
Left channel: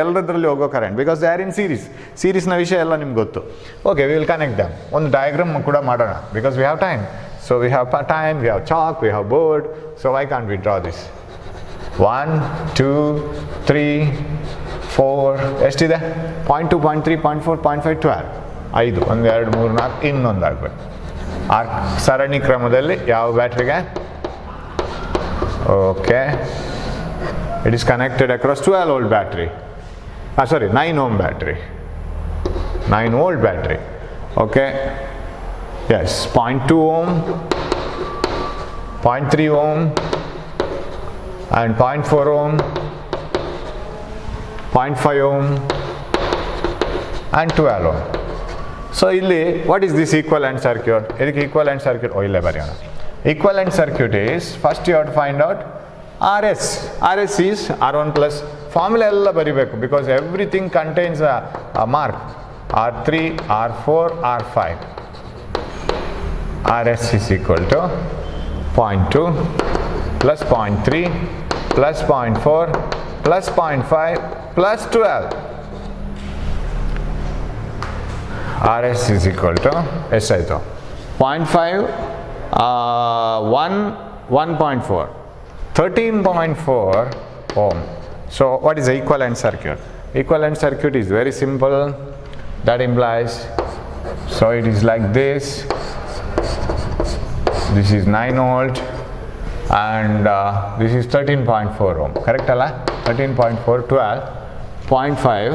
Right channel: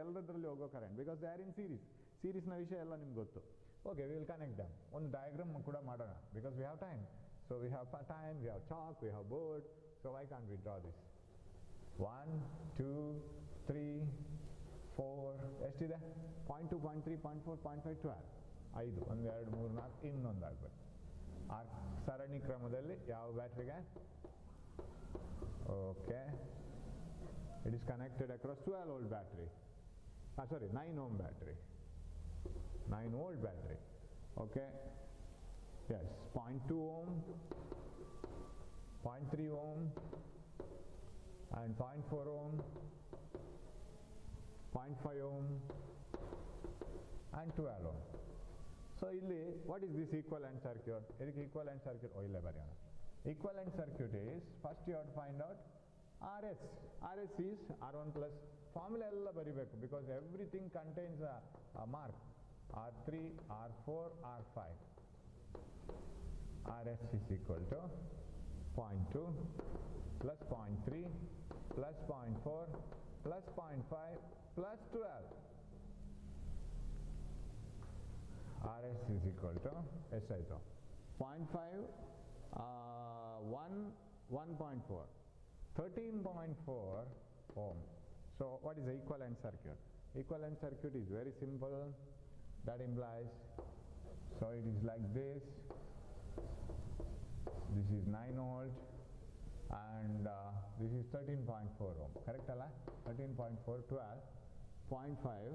ಎಲ್ಲದರಲ್ಲಿ ಹೋಗೋ current, because they are in series. ಸೀರೀಸ್ನ ವಿಷಯ ಎಲ್ಲ ನಿಮ್ಗೆ ಗೊತ್ತು. Okay, we will connect them. ಒಂದು ಡಯಾಗ್ರಾಮ್ ಕೂಡ ಮಾಡೋಣ, because we have time. So we have time, we have chalk, we have board. So why can't we draw this? 1, 2, 3, 4 ಎಷ್ಟಿದೆ? 0.2, 0.3, 0.4, 0.5, 12. 5, 1, 2, 3, 4 ಇನ್ನೊಂದು ಆಗಬೇಕು. ಆ ಸರಣಿ ಕ್ರಮದಲ್ಲಿ ಯಾವ ಬ್ಯಾಟ್ರಿಗೆ? Okay, it is connected across 12 volt battery. 9 ohm battery. 9 volt battery. Okay, yes, 0.2 ohm, 0.3 ohm and 0.4 ohm, 0.5 ohm and 12 ohm. So ಇಲ್ಲಿ what is this equivalent circuit? ಇದಕ್ಕೆ equivalent circuit ಇಲ್ಲೇ ಬರೆಯೋಣ. Equivalent circuit is, first you have to find out RS. RS is R1 plus, formula ಎಲ್ಲ ಬರಿಬೇಕು, because everything contains a mark. R3, R4, R5. RS is equal to 0.2 plus 0.3 plus 0.4 plus 0.5 plus 12. RS is equal to ಎಷ್ಟಾಯಿತು? 0.5, 1, 1.4, 13.4 ohm. So what is the equivalent circuit? Equivalent circuit is very simple. That implies, so it is like this. This is 9 volt. And this is 13.4 ohm, correct alla? 13.4, 12, 0.5,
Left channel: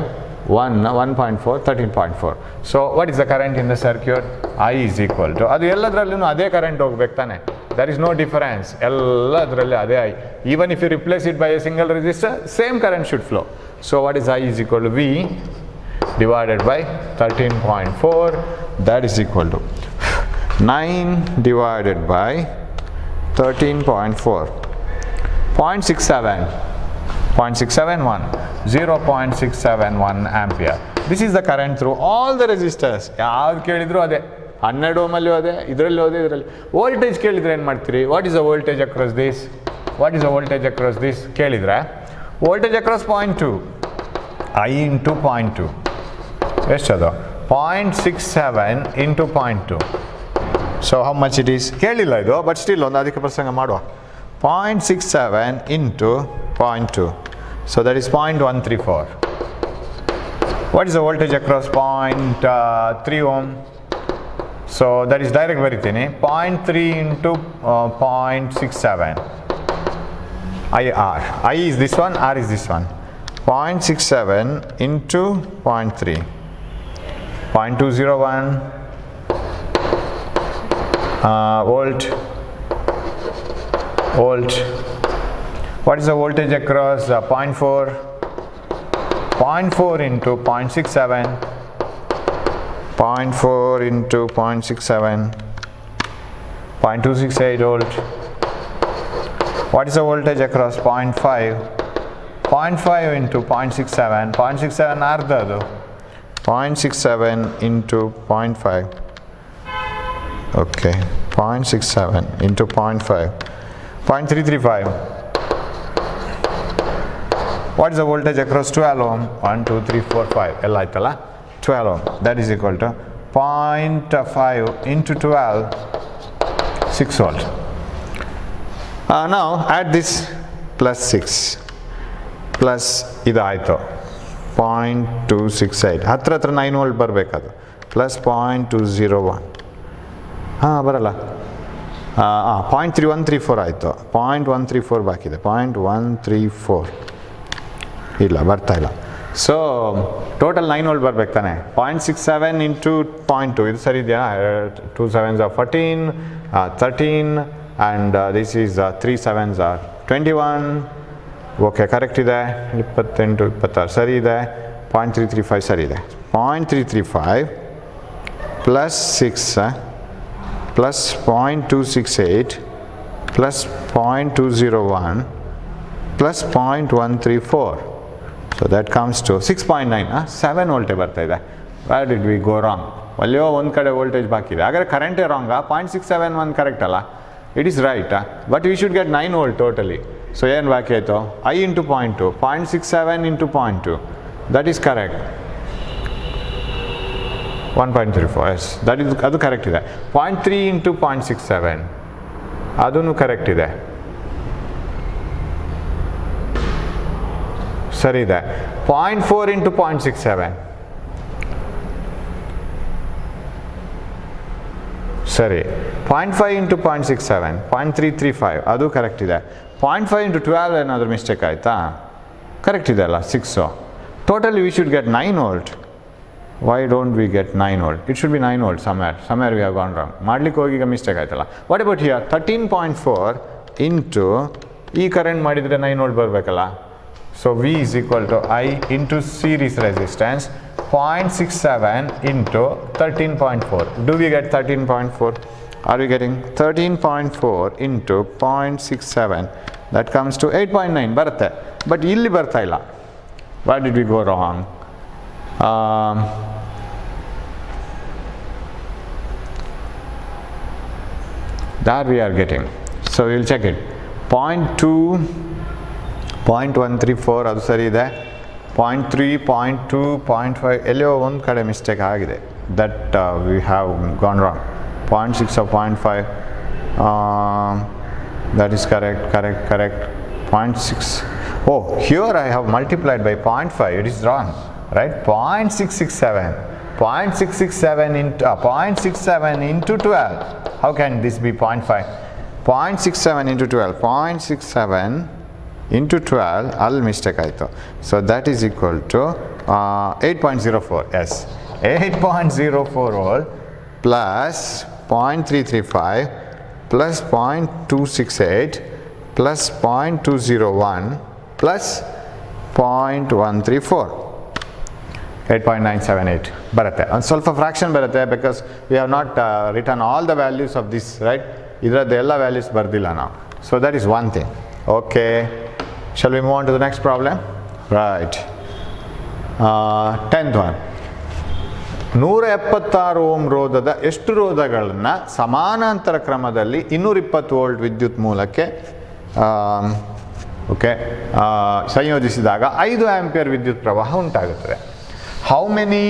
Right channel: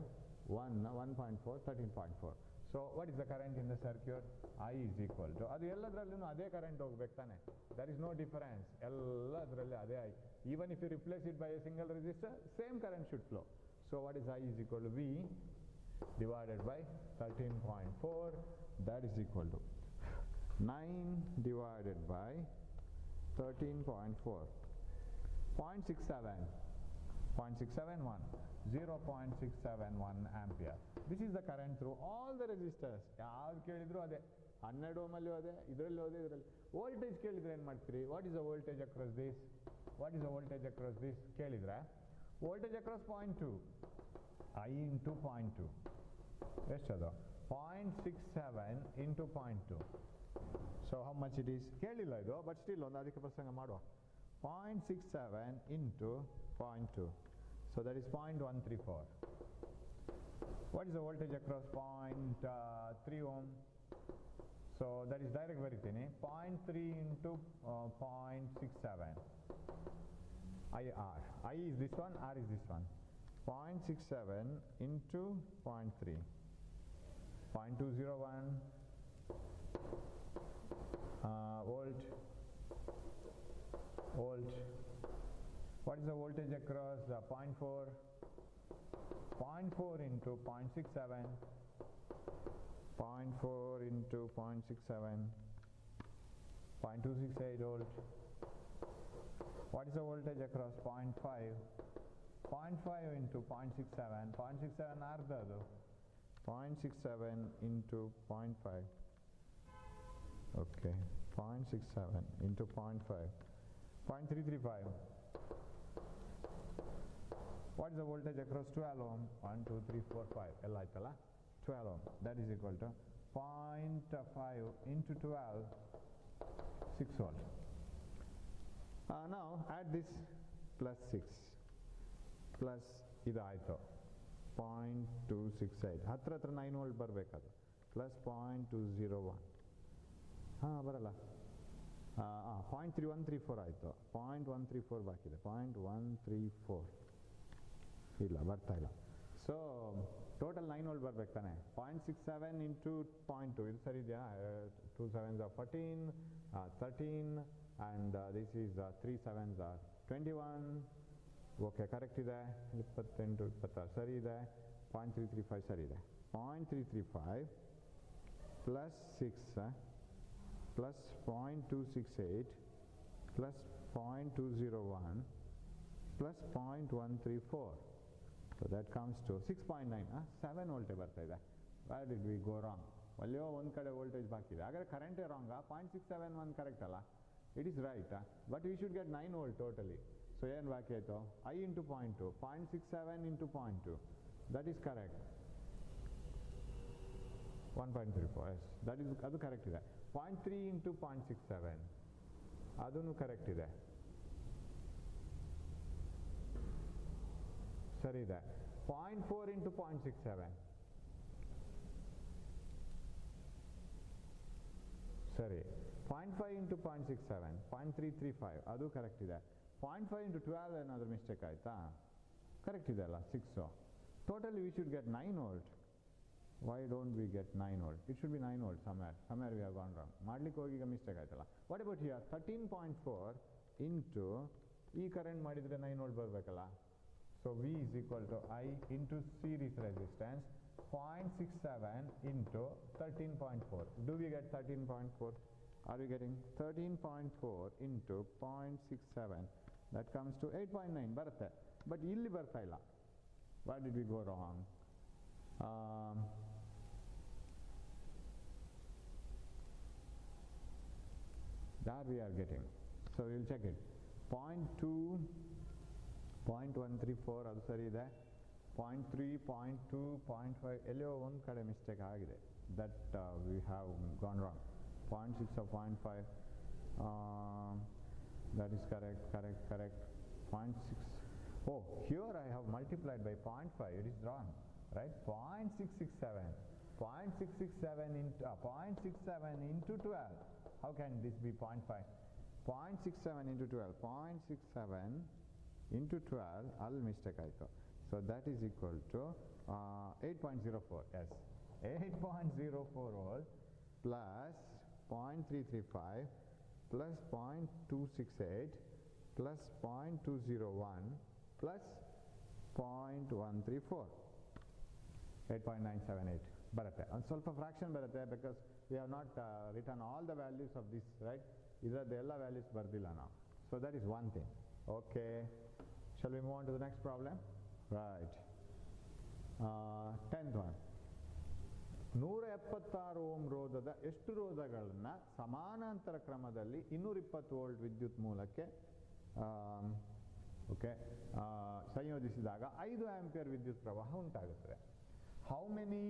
1, 1.4, 13.4. So what is the current in the circuit? I is equal to, ಅದು ಎಲ್ಲದರಲ್ಲೂ ಅದೇ ಕರೆಂಟ್ ಹೋಗ್ಬೇಕು ತಾನೆ. There is no difference, ಎಲ್ಲದರಲ್ಲಿ ಅದೇ I. Even if you replace it by a single resistor, same current should flow. So what is I is equal to V divided by 13.4, that is equal to 9 divided by 13.4, 0.67, 0.671, 0.671 ampere. This is the current through all the resistors. ಯಾವ್ದು ಕೇಳಿದ್ರು ಅದೇ, 12 ಓಮಲ್ಲಿ ಹೋದೆ, ಇದರಲ್ಲಿ ಹೋದೆ, ಇದರಲ್ಲಿ. ವೋಲ್ಟೇಜ್ ಕೇಳಿದ್ರೆ ಏನು ಮಾಡ್ತೀರಿ? What is the voltage across this? What is the voltage across this ಕೇಳಿದ್ರೆ, ವೋಲ್ಟೇಜ್ ಅಕ್ರಾಸ್ 0.2, I ಇಂಟು 0.2 ಎಷ್ಟದು? 0.67 into 0.2. So how much it is? ಕೇಳಿಲ್ಲ ಇದು, ಬಟ್ ಸ್ಟಿಲ್ ಒಂದು ಅದಕ್ಕೆ ಪ್ರಸಂಗ ಮಾಡುವ. 0.67 into 0.2. So that is 0.134. What is the voltage across 0.3 ohm? So that is direct ಬರಿತೀನಿ. 0.3 into 0.67. IR. I is this one, R is this one. 0.67 into 0.3. 0.201 volt. What is the voltage across 0.4? 0.4 into 0.67. 0.4 into 0.67. 0.268 volt. What is the voltage across 0.5? 0.5 into 0.67. 0.67 ಅರ್ಧದು. 0.67 into 0.5. Okay, 0.67 into 0.5. 0.335. What is the voltage across 12 ohm? 1, 2, 3, 4, 5. ಎಲ್ಲ ಆಯ್ತಲ್ಲ? 12 ohm. That is equal to 0.5 into 12, 6 volt. Now add this plus 6 plus ಇದು ಆಯಿತು 0.268. ಹತ್ರ 9 ವೋಲ್ಟ್ ಬರಬೇಕದು. ಪ್ಲಸ್ 0.201. ಬರಲ್ಲ. 0.3134 ಆಯಿತು. 0.134 ಬಾಕಿದೆ. 0.134 ಇಲ್ಲ, ಬರ್ತಾ ಇಲ್ಲ. ಸೊ ಟೋಟಲ್ 9 ವೋಲ್ಟ್ ಬರ್ಬೇಕು ತಾನೆ. 0.67 ಇಂಟು 0.2 ಇದು ಸರಿ ಇದೆಯಾ? 2 7s are 14, 13 and this is 3 7s are 21. Okay, correct ಇದೆ. 28 26 ಸರಿ ಇದೆ. 0.335 ಸರಿ ಇದೆ. 0.335 plus 6 plus 0.268 plus 0.201 plus 0.134. So that comes to 6.9, 7 ವೋಲ್ಟೇ ಬರ್ತಾ ಇದೆ. Where did we go wrong? ಅಲ್ಲಿಯೋ ಒಂದು ಕಡೆ ವೋಲ್ಟೇಜ್ ಬಾಕಿ ಇದೆ. ಹಾಗಾದ್ರೆ ಕರೆಂಟೇ ರಾಂಗಾ? 0.671 ಕರೆಕ್ಟ್ ಅಲ್ಲ? It is right, but we should get 9 volt totally. So ಏನು ಬಾಕಿ ಆಯಿತು? I into 0.2, 0.67 into 0.2, that is correct. 1.34, yes, ಅದು ಕರೆಕ್ಟ್ ಇದೆ. 0.3 into 0.67, ಅದೂ ಕರೆಕ್ಟ್ ಇದೆ, ಸರಿ ಇದೆ. 0.4 into 0.67, ಸರಿ. 0.5 into 0.67, 0.335, ಅದು ಕರೆಕ್ಟ್ ಇದೆ. 0.5 into 12 ಏನಾದರೂ ಮಿಸ್ಟೇಕ್ ಆಯಿತಾ? ಕರೆಕ್ಟ್ ಇದೆ ಅಲ್ಲ, 6. Totally we should get 9 volt. Why don't we get 9 volt? It should be 9 volt somewhere we have gone wrong. ಮಾಡ್ಲಿಕ್ಕೆ ಹೋಗಿ ಈಗ ಮಿಸ್ಟೇಕ್ ಆಯ್ತಲ್ಲ. What about here? 13.4 into ಈ ಕರೆಂಟ್ ಮಾಡಿದರೆ 9 ವೋಲ್ಟ್ ಬರಬೇಕಲ್ಲ. So V is equal to I into series resistance 0.67 into 13.4. Do we get 13.4? Are we getting 13.4 into 0.67? That comes to 8.9 ಬರುತ್ತೆ. ಬಟ್ ಇಲ್ಲಿ ಬರ್ತಾ ಇಲ್ಲ. Why did we go wrong? That we are getting. So we will check it. 0.2, 0.134 ಅದು ಸರಿ ಇದೆ. 0.3, 0.2, 0.5 ಎಲ್ಲೋ ಒಂದು ಕಡೆ ಮಿಸ್ಟೇಕ್ ಆಗಿದೆ. That we have gone wrong. 0.6 or 0.5, that is correct. 0.6. Oh, here I have multiplied by 0.5. It is wrong, right? 0.667. 0.67 into 12. How can this be 0.5? 0.67 into 12. 0.67 into 12. All mistake ಆಯಿತು. So that is equal to 8.04. Yes, 8.04 volt plus 0.335 plus 0.268 plus 0.201 plus 0.134. 8.978 ಬರುತ್ತೆ. ಒಂದು ಸ್ವಲ್ಪ ಫ್ರಾಕ್ಷನ್ ಬರುತ್ತೆ, because we have not return all the values of this, right? ಇದರದ್ದು ಎಲ್ಲ ವ್ಯಾಲ್ಯೂಸ್ ಬರ್ದಿಲ್ಲ ನಾವು. So that is one thing. Okay, shall we move on to the next problem? Right. 10th one. 176 ohm ರೋಧದ ಎಷ್ಟು ರೋಧಗಳನ್ನು ಸಮಾನಾಂತರ ಕ್ರಮದಲ್ಲಿ 220 ವೋಲ್ಟ್ ವಿದ್ಯುತ್ ಮೂಲಕ್ಕೆ ಸಂಯೋಜಿಸಿದಾಗ 5 ಆಂಪಿಯರ್ ವಿದ್ಯುತ್ ಪ್ರವಾಹ ಉಂಟಾಗುತ್ತದೆ. How many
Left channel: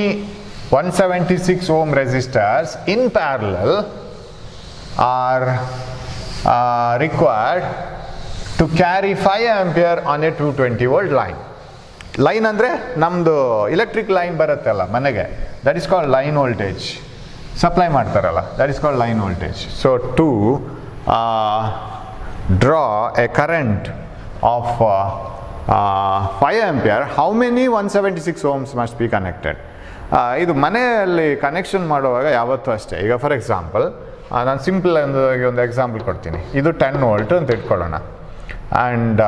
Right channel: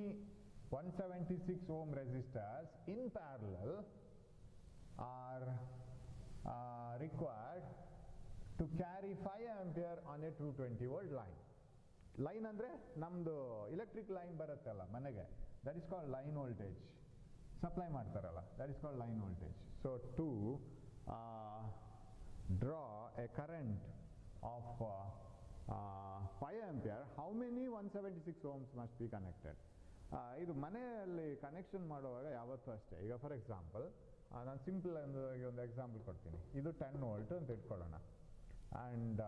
176 ohm resistors in parallel are required to carry 5 ampere on a 220 volt line? Line ಅಂದರೆ ನಮ್ಮದು ಎಲೆಕ್ಟ್ರಿಕ್ ಲೈನ್ ಬರುತ್ತಲ್ಲ ಮನೆಗೆ, that is called line voltage. Supply ಮಾಡ್ತಾರಲ್ಲ, that is called line voltage. So to draw a current of 5 ampere, how many 176 ohms must be connected? ಇದು ಮನೆಯಲ್ಲಿ ಕನೆಕ್ಷನ್ ಮಾಡುವಾಗ ಯಾವತ್ತೂ ಅಷ್ಟೇ. ಈಗ ಫಾರ್ ಎಕ್ಸಾಂಪಲ್ ನಾನು ಸಿಂಪಲ್ ಒಂದು ಎಕ್ಸಾಂಪಲ್ ಕೊಡ್ತೀನಿ. ಇದು 10 ವೋಲ್ಟ್ ಅಂತ ಇಟ್ಕೊಳ್ಳೋಣ. And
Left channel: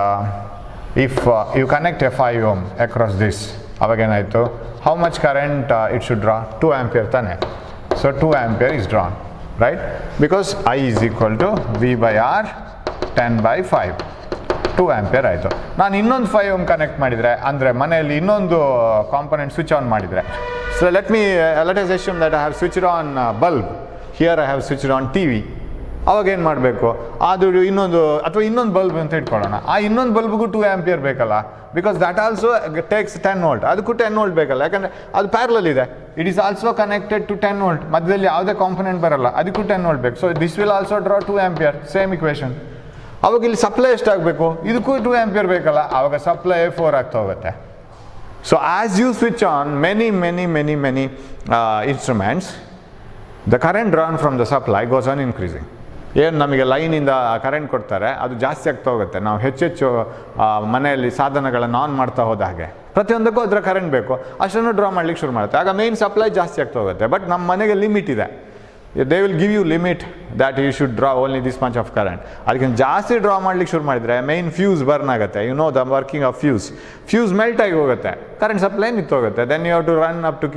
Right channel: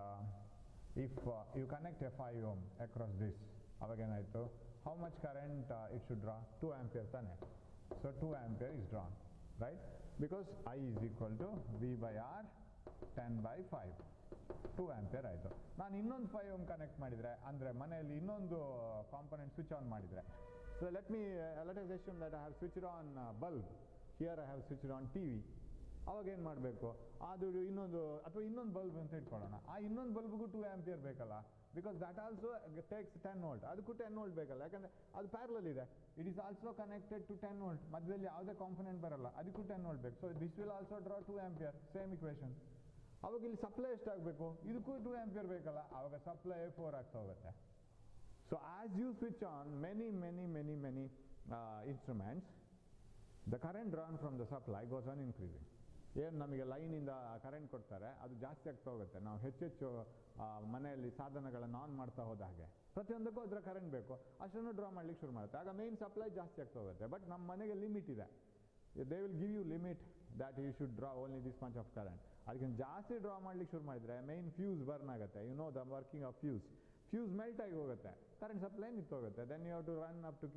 if you connect a 5 ohm across this, ಅವಾಗೇನಾಯಿತು? How much current it should draw? 2 ampere ತಾನೆ. So 2 ampere is drawn, right? Because I is equal to V by R 10/5. 2 ampere ಆಯಿತು. ನಾನು ಇನ್ನೊಂದು 5 ohm ಕನೆಕ್ಟ್ ಮಾಡಿದರೆ, ಅಂದರೆ ಮನೆಯಲ್ಲಿ ಇನ್ನೊಂದು ಕಾಂಪೊನೆಂಟ್ ಸ್ವಿಚ್ ಆನ್ ಮಾಡಿದರೆ, so let us assume that I have switched on bulb. Here I have switched on TV. ಅವಾಗ ಏನು ಮಾಡಬೇಕು? ಅದು ಇನ್ನೊಂದು ಬಲ್ಬ್ ಅಂತ ಇಟ್ಕೊಳ್ಳೋಣ. ಆ ಇನ್ನೊಂದು ಬಲ್ಬ್ಗೂ 2 ಆಂಪಿಯರ್ ಬೇಕಲ್ಲ, because that also takes 10 volt. ಅದಕ್ಕೂ 10 ವೋಲ್ಟ್ ಬೇಕಲ್ಲ, ಯಾಕಂದರೆ ಅದು ಪ್ಯಾರಲಲ್ ಇದೆ. It is also connected to 10 volt. ಮಧ್ಯದಲ್ಲಿ ಯಾವುದೇ ಕಾಂಪೊನೆಂಟ್ ಬರಲ್ಲ, ಅದಕ್ಕೂ 10 ವೋಲ್ಟ್ ಬೇಕು. So this will also draw 2 ampere. Same equation. ಅವಾಗ ಇಲ್ಲಿ ಸಪ್ಲೈ ಎಷ್ಟಾಗಬೇಕು? ಇದಕ್ಕೂ 2 ಆಂಪಿಯರ್ ಬೇಕಲ್ಲ, ಆವಾಗ ಸಪ್ಲೈ 4 ಆಗ್ತಾ ಹೋಗುತ್ತೆ. So as you switch on many instruments, the current drawn from the supply goes on increasing. ಏನು ನಮಗೆ ಲೈನಿಂದ ಕರೆಂಟ್ ಕೊಡ್ತಾರೆ ಅದು ಜಾಸ್ತಿ ಆಗ್ತಾ ಹೋಗುತ್ತೆ. ನಾವು ಹೆಚ್ಚೆಚ್ಚು ಮನೆಯಲ್ಲಿ ಸಾಧನಗಳನ್ನು ಆನ್ ಮಾಡ್ತಾ ಹೋದ ಹಾಗೆ ಪ್ರತಿಯೊಂದಕ್ಕೂ ಅದರ ಕರೆಂಟ್ ಬೇಕು, ಅಷ್ಟನ್ನು ಡ್ರಾ ಮಾಡ್ಲಿಕ್ಕೆ ಶುರು ಮಾಡುತ್ತೆ. ಆಗ ಮೇನ್ ಸಪ್ಲೈ ಜಾಸ್ತಿ ಆಗ್ತಾ ಹೋಗುತ್ತೆ. ಬಟ್ ನಮ್ಮ ಮನೆಗೆ ಲಿಮಿಟ್ ಇದೆ. They will give you limit that you should draw only this much of current. ಅದಕ್ಕಿಂತ ಜಾಸ್ತಿ ಡ್ರಾ ಮಾಡ್ಲಿಕ್ಕೆ ಶುರು ಮಾಡಿದರೆ ಮೈನ್ ಫ್ಯೂಸ್ ಬರ್ನ್ ಆಗುತ್ತೆ. You know the working of fuse melt ಆಗಿ ಹೋಗುತ್ತೆ, ಕರೆಂಟ್ ಸಪ್ಲೈ ನಿಂತೋಗುತ್ತೆ. Then you have to run up to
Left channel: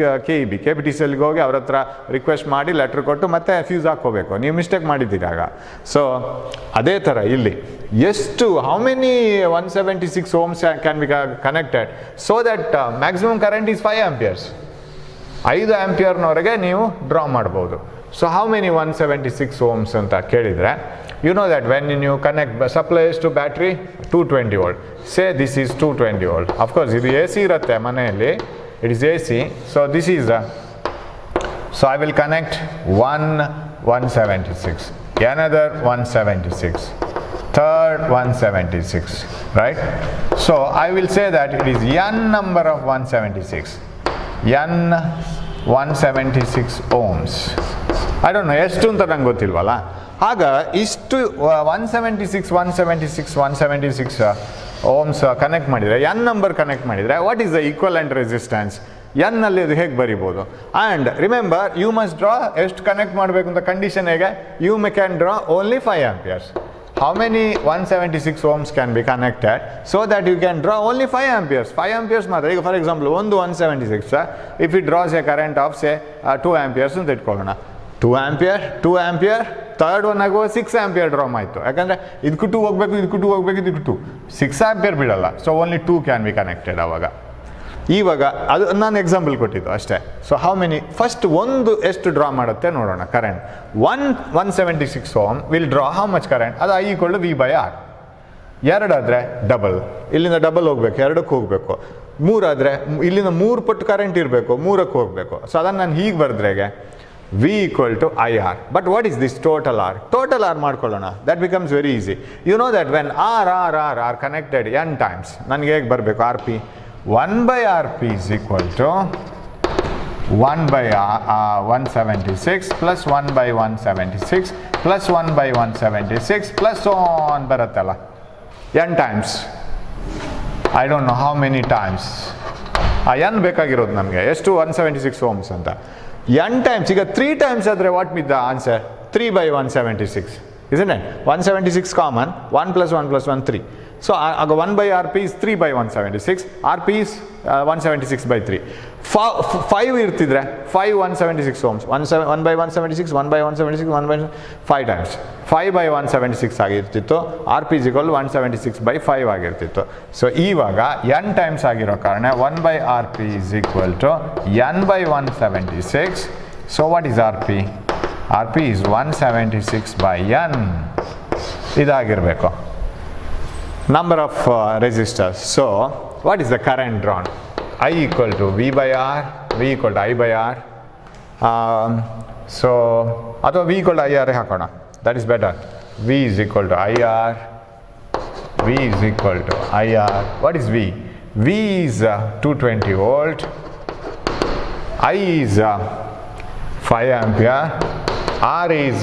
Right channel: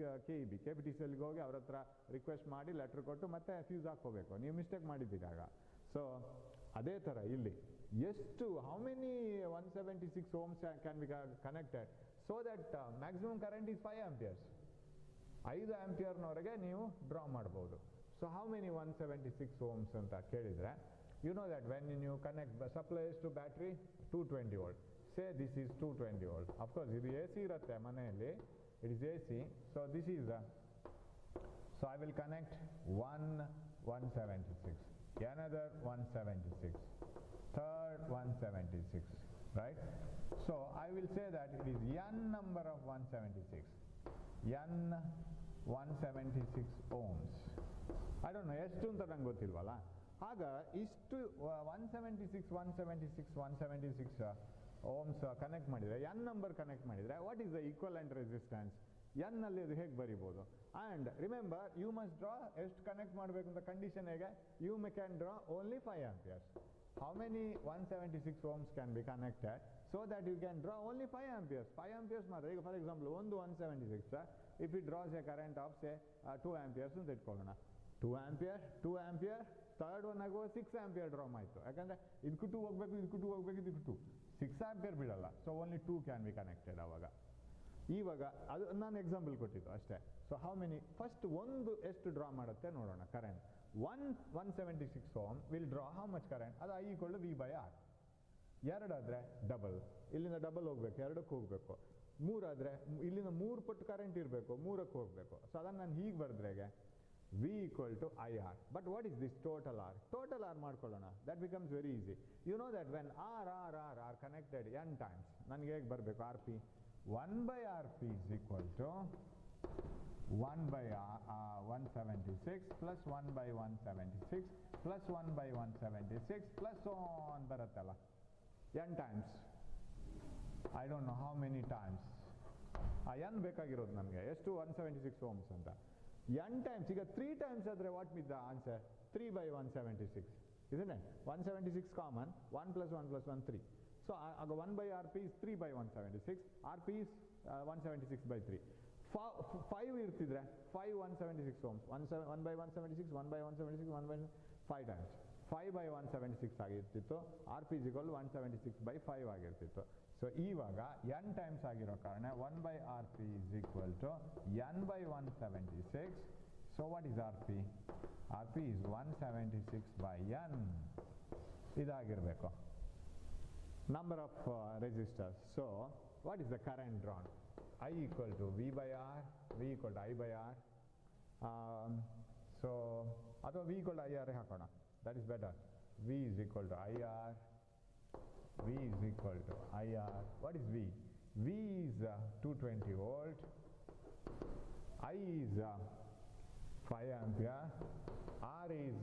KBTCLಗೆ ಹೋಗಿ ಅವ್ರ ಹತ್ರ ರಿಕ್ವೆಸ್ಟ್ ಮಾಡಿ ಲೆಟ್ರ್ ಕೊಟ್ಟು ಮತ್ತೆ ಫ್ಯೂಸ್ ಹಾಕ್ಕೋಬೇಕು. ನೀವು ಮಿಸ್ಟೇಕ್ ಮಾಡಿದ್ದೀರಾಗ. ಸೊ ಅದೇ ಥರ ಇಲ್ಲಿ ಎಷ್ಟು how many 176 ohms can be connected so that maximum current is 5 amperes. 5 ಆಂಪಿಯರ್ನವರೆಗೆ ನೀವು ಡ್ರಾ ಮಾಡ್ಬೋದು. ಸೊ ಹೌ ಮೆನಿ 176 ohms ಅಂತ ಕೇಳಿದರೆ, you know that when you connect supplies to battery 220 volt. Say this is 220 volt. Of course ಇದು AC ಇರುತ್ತೆ ಮನೆಯಲ್ಲಿ, it is AC. So this is so I will connect 176, another 176, third 176, right? So I will say that it is n number of 176, n 176 ohms. I don't know ಎಷ್ಟು ಅಂತ ನಂಗೆ ಗೊತ್ತಿಲ್ವಲ್ಲ. ಆಗ ಇಷ್ಟು 176 ohms ಕನೆಕ್ಟ್ ಮಾಡಿದರೆ, n ನಂಬರ್ ಕನೆಕ್ಟ್ ಮಾಡಿದರೆ, what is the equivalent resistance? n ಅಲ್ಲಿ ಅದು ಹೇಗೆ ಬರಿಬೋದು? And remember, you must draw ಎಷ್ಟು ಕನೆಕ್ಟ್ ಮಾಡಬೇಕು ಅಂತ ಕಂಡೀಷನ್ ಹೇಗೆ? You can draw only 5 amperes. How many 176 ohms can be connected so that you can draw only 5 amperes? 5 amperes ಮಾತ್ರ. ಈಗ ಫಾರ್ ಎಕ್ಸಾಂಪಲ್ ಒಂದು 176 if it draws a current of say 2 amperes ಅಂತ ಇಟ್ಕೊಳ್ಳೋಣ. 2 ampere ಥರ್ಡ್ ಒನ್ ಆಗುವ 6 ampere ಡ್ರಾಮ್ ಆಯಿತು. ಯಾಕಂದರೆ ಇದಕ್ಕೂ 2 ಹೋಗಬೇಕು, ಇದಕ್ಕೂ 2 ಹೋಗಬೇಕು, ಇದಕ್ಕೂ 2, 6 ampere ಬಿಡಲ್ಲ. So only 2 can be connected. ಆವಾಗ ಇವಾಗ ಅದು ನಾನು ಎಕ್ಸಾಂಪಲ್ ಕೊಟ್ಟಿದ್ದು ಅಷ್ಟೇ. ಸೊ ಹೌ ಮೆನಿ ಫಸ್ಟ್ ಒಂದು ಎಷ್ಟು ಡ್ರಾ ಮಾಡುತ್ತೆ ನೋಡೋಣ current. 176 ohm will draw how much current? ಅದು I = V/R. ಎರಡಾದರೆ ಡಬಲ್, ಇಲ್ಲಿಂದ ಡಬಲ್ ಹೋಗ್ಬೇಕು, ಎರಡಕ್ಕೆ ಹೋಗಬೇಕು. ಮೂರಾದರೆ ಇಲ್ಲಿಂದ 3 ಪಟ್ಟು ಕರೆಂಟ್ ಇರಬೇಕು, 3ಕ್ಕೆ ಹೋಗಬೇಕು. ಸೊ ಅದನ್ನು ನಾನು ಹೀಗೆ ಬರೆದ್ರೆಗೆ V = IR. But what is this total R? Total R ಮಾಡ್ಕೊಳ್ಳೋಣ. That becomes very easy. You know that when R connected n times, ನನಗೆ ಹೇಗೆ ಬರಬೇಕು? RP 1/RP is equal to 1/176 plus 1/176 plus 1/176 plus so on ಬರುತ್ತಲ್ಲ, n times. I don't know how many times. n ಬೇಕಾಗಿರೋದು ನಮಗೆ ಎಷ್ಟು? 176 ohms ಅಂತ. n times. ಈಗ 3 times ಆದರೆ what with the answer? 3/176, isn't it? 176 common, 1 plus 1 plus 1 3. So 1/RP is 3/176. RP is 176/3. 5 ಇರ್ತಿದ್ರೆ 5 176 ohms. 1/176, 1/176, 5 times. 5/176 ಆಗಿರ್ತಿತ್ತು. RP is equal to 176/5 ಆಗಿರ್ತಿತ್ತು. ಸೊ ಇವಾಗ n ಟೈಮ್ಸ್ ಆಗಿರೋ ಕಾರಣ 1/RP is equal to n/176. So what is RP? RP is 176/n. ಇದಾಗಿರಬೇಕು number of resistors. So what is the current drawn? I = V/R, V = I/R. So ಅಥವಾ V = IR ಹಾಕೋಣ, that is better. V is equal to IR, V is equal to IR. What is V? V is 220 volt, I is 5 ampere, R is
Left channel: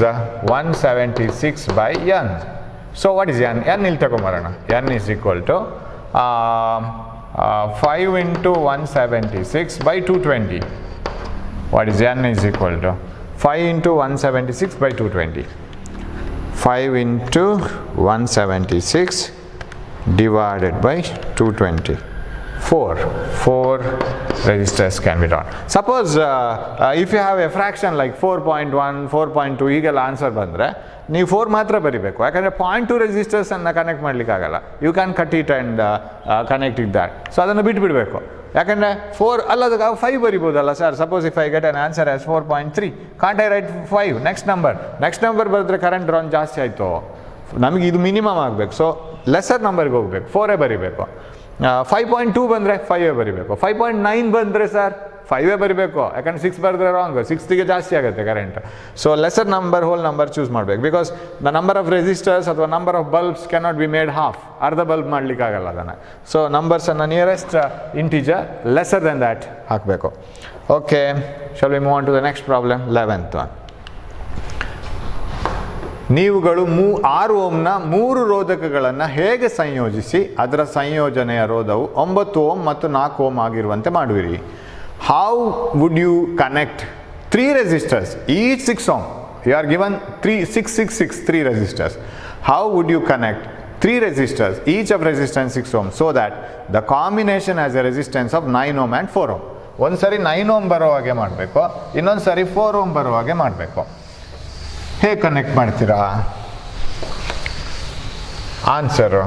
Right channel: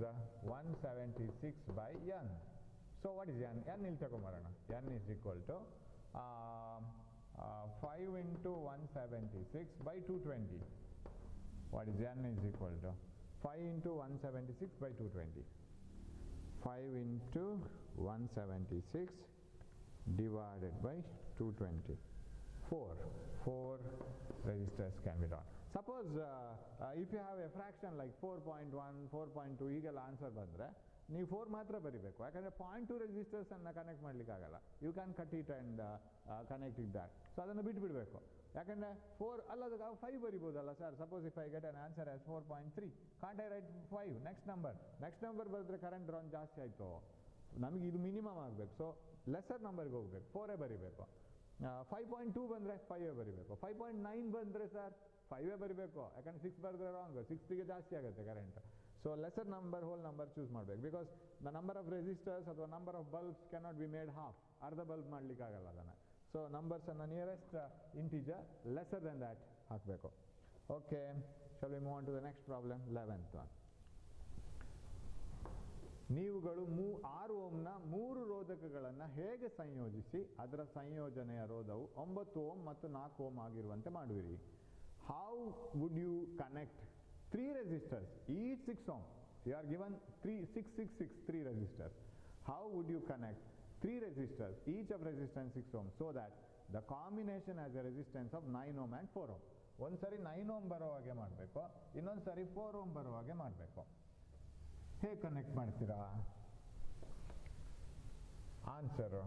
176/n. So what is n? n ಇಲ್ಲಿ ತಗೊಂಬರೋಣ. n is equal to 5 into 176/220. What is n is equal to? 5 into 176/220. 5 into 176 divided by 220. 4 resistors can be drawn. Suppose if you have a fraction like 4.1, 4.2 ಹೀಗೆಲ್ಲ ಆನ್ಸರ್ ಬಂದರೆ ನೀವು 4 ಮಾತ್ರ ಬರಿಬೇಕು. ಯಾಕಂದರೆ 0.2 ರೆಸಿಸ್ಟರ್ಸನ್ನು ಕನೆಕ್ಟ್ ಮಾಡಲಿಕ್ಕಾಗಲ್ಲ. You can cut it and connect it that. So ಅದನ್ನು ಬಿಟ್ಬಿಡಬೇಕು. ಯಾಕಂದರೆ 4 ಅಲ್ಲದಾಗ 5 ಬರಿಬೋದಲ್ಲ sir. Suppose if I get an answer as 4.3, can't I write 5? Next number ಬರೆದ್ರೆ ಕರೆಂಟ್ ಡ್ರಾನ್ ಜಾಸ್ತಿ ಆಯಿತು. ನಮಗೆ ಇದು ಮಿನಿಮಮ್ ಆಗಬೇಕು. ಸೊ ಲೆಸರ್ ನಂಬರ್ಗೆ ಹೋಗಬೇಕು, 4 ಬರಿಬೇಕು. 5.2 ಬಂದರೆ 5 ಬರಿಬೇಕು. 5.9 ಬಂದರೆ ಸರ್ 5 ಬರಿಬೇಕು. ಯಾಕಂದರೆ 6 ಬರೆದ್ರೆ ರಾಂಗ್, 6ಗೆ ಜಾಸ್ತಿ ಆಗುತ್ತೆ current. So lesser number whole number choose ಮಾಡಬೇಕು. Because the number of resistors ಅಥವಾ number of bulbs cannot be made half. ಅರ್ಧ ಬಲ್ಬ್ ಮಾಡಲಿಕ್ಕಾಗಲ್ಲ ಅದನ್ನು. ಸೊ ನಂಬರ್ಸನ್ನು nearest integer lesser then that ಹಾಕಬೇಕು. Okay, shall we move on to the next problem, 11th one. ನೀವುಗಳು 6 ಓಮ್ನ 3 ರೋಧಕಗಳನ್ನು ಹೇಗೆ ಸಂಯೋಜಿಸಿ ಅದರ ಸಂಯೋಜನೆಯ ರೋಧವು 9 ಓಮ್ ಮತ್ತು 4 ಓಮ್ ಆಗಿರುವಂತೆ ಮಾಡುವಿರಿ? How would you connect 3 resistors, each 6 ohm? You are given 3 resistors. How would you connect 3 resistors, each of resistance 6 ohm, so that the combination has a resistance of 9 ohm and 4 ohm? ಒಂದು ಸರಿ 9 ohm ಬರೋ ಹಾಗೆ ಮಾಡಬೇಕು, ಇನ್ನೊಂದು ಸರಿ 4 ohm ಬರೋ ಹಾಗೆ ಮಾಡಬೇಕು. ಹೇಗೆ ಕನೆಕ್ಟ್ ಮಾಡ್ತೀರಾ? ಆನ್ಸರು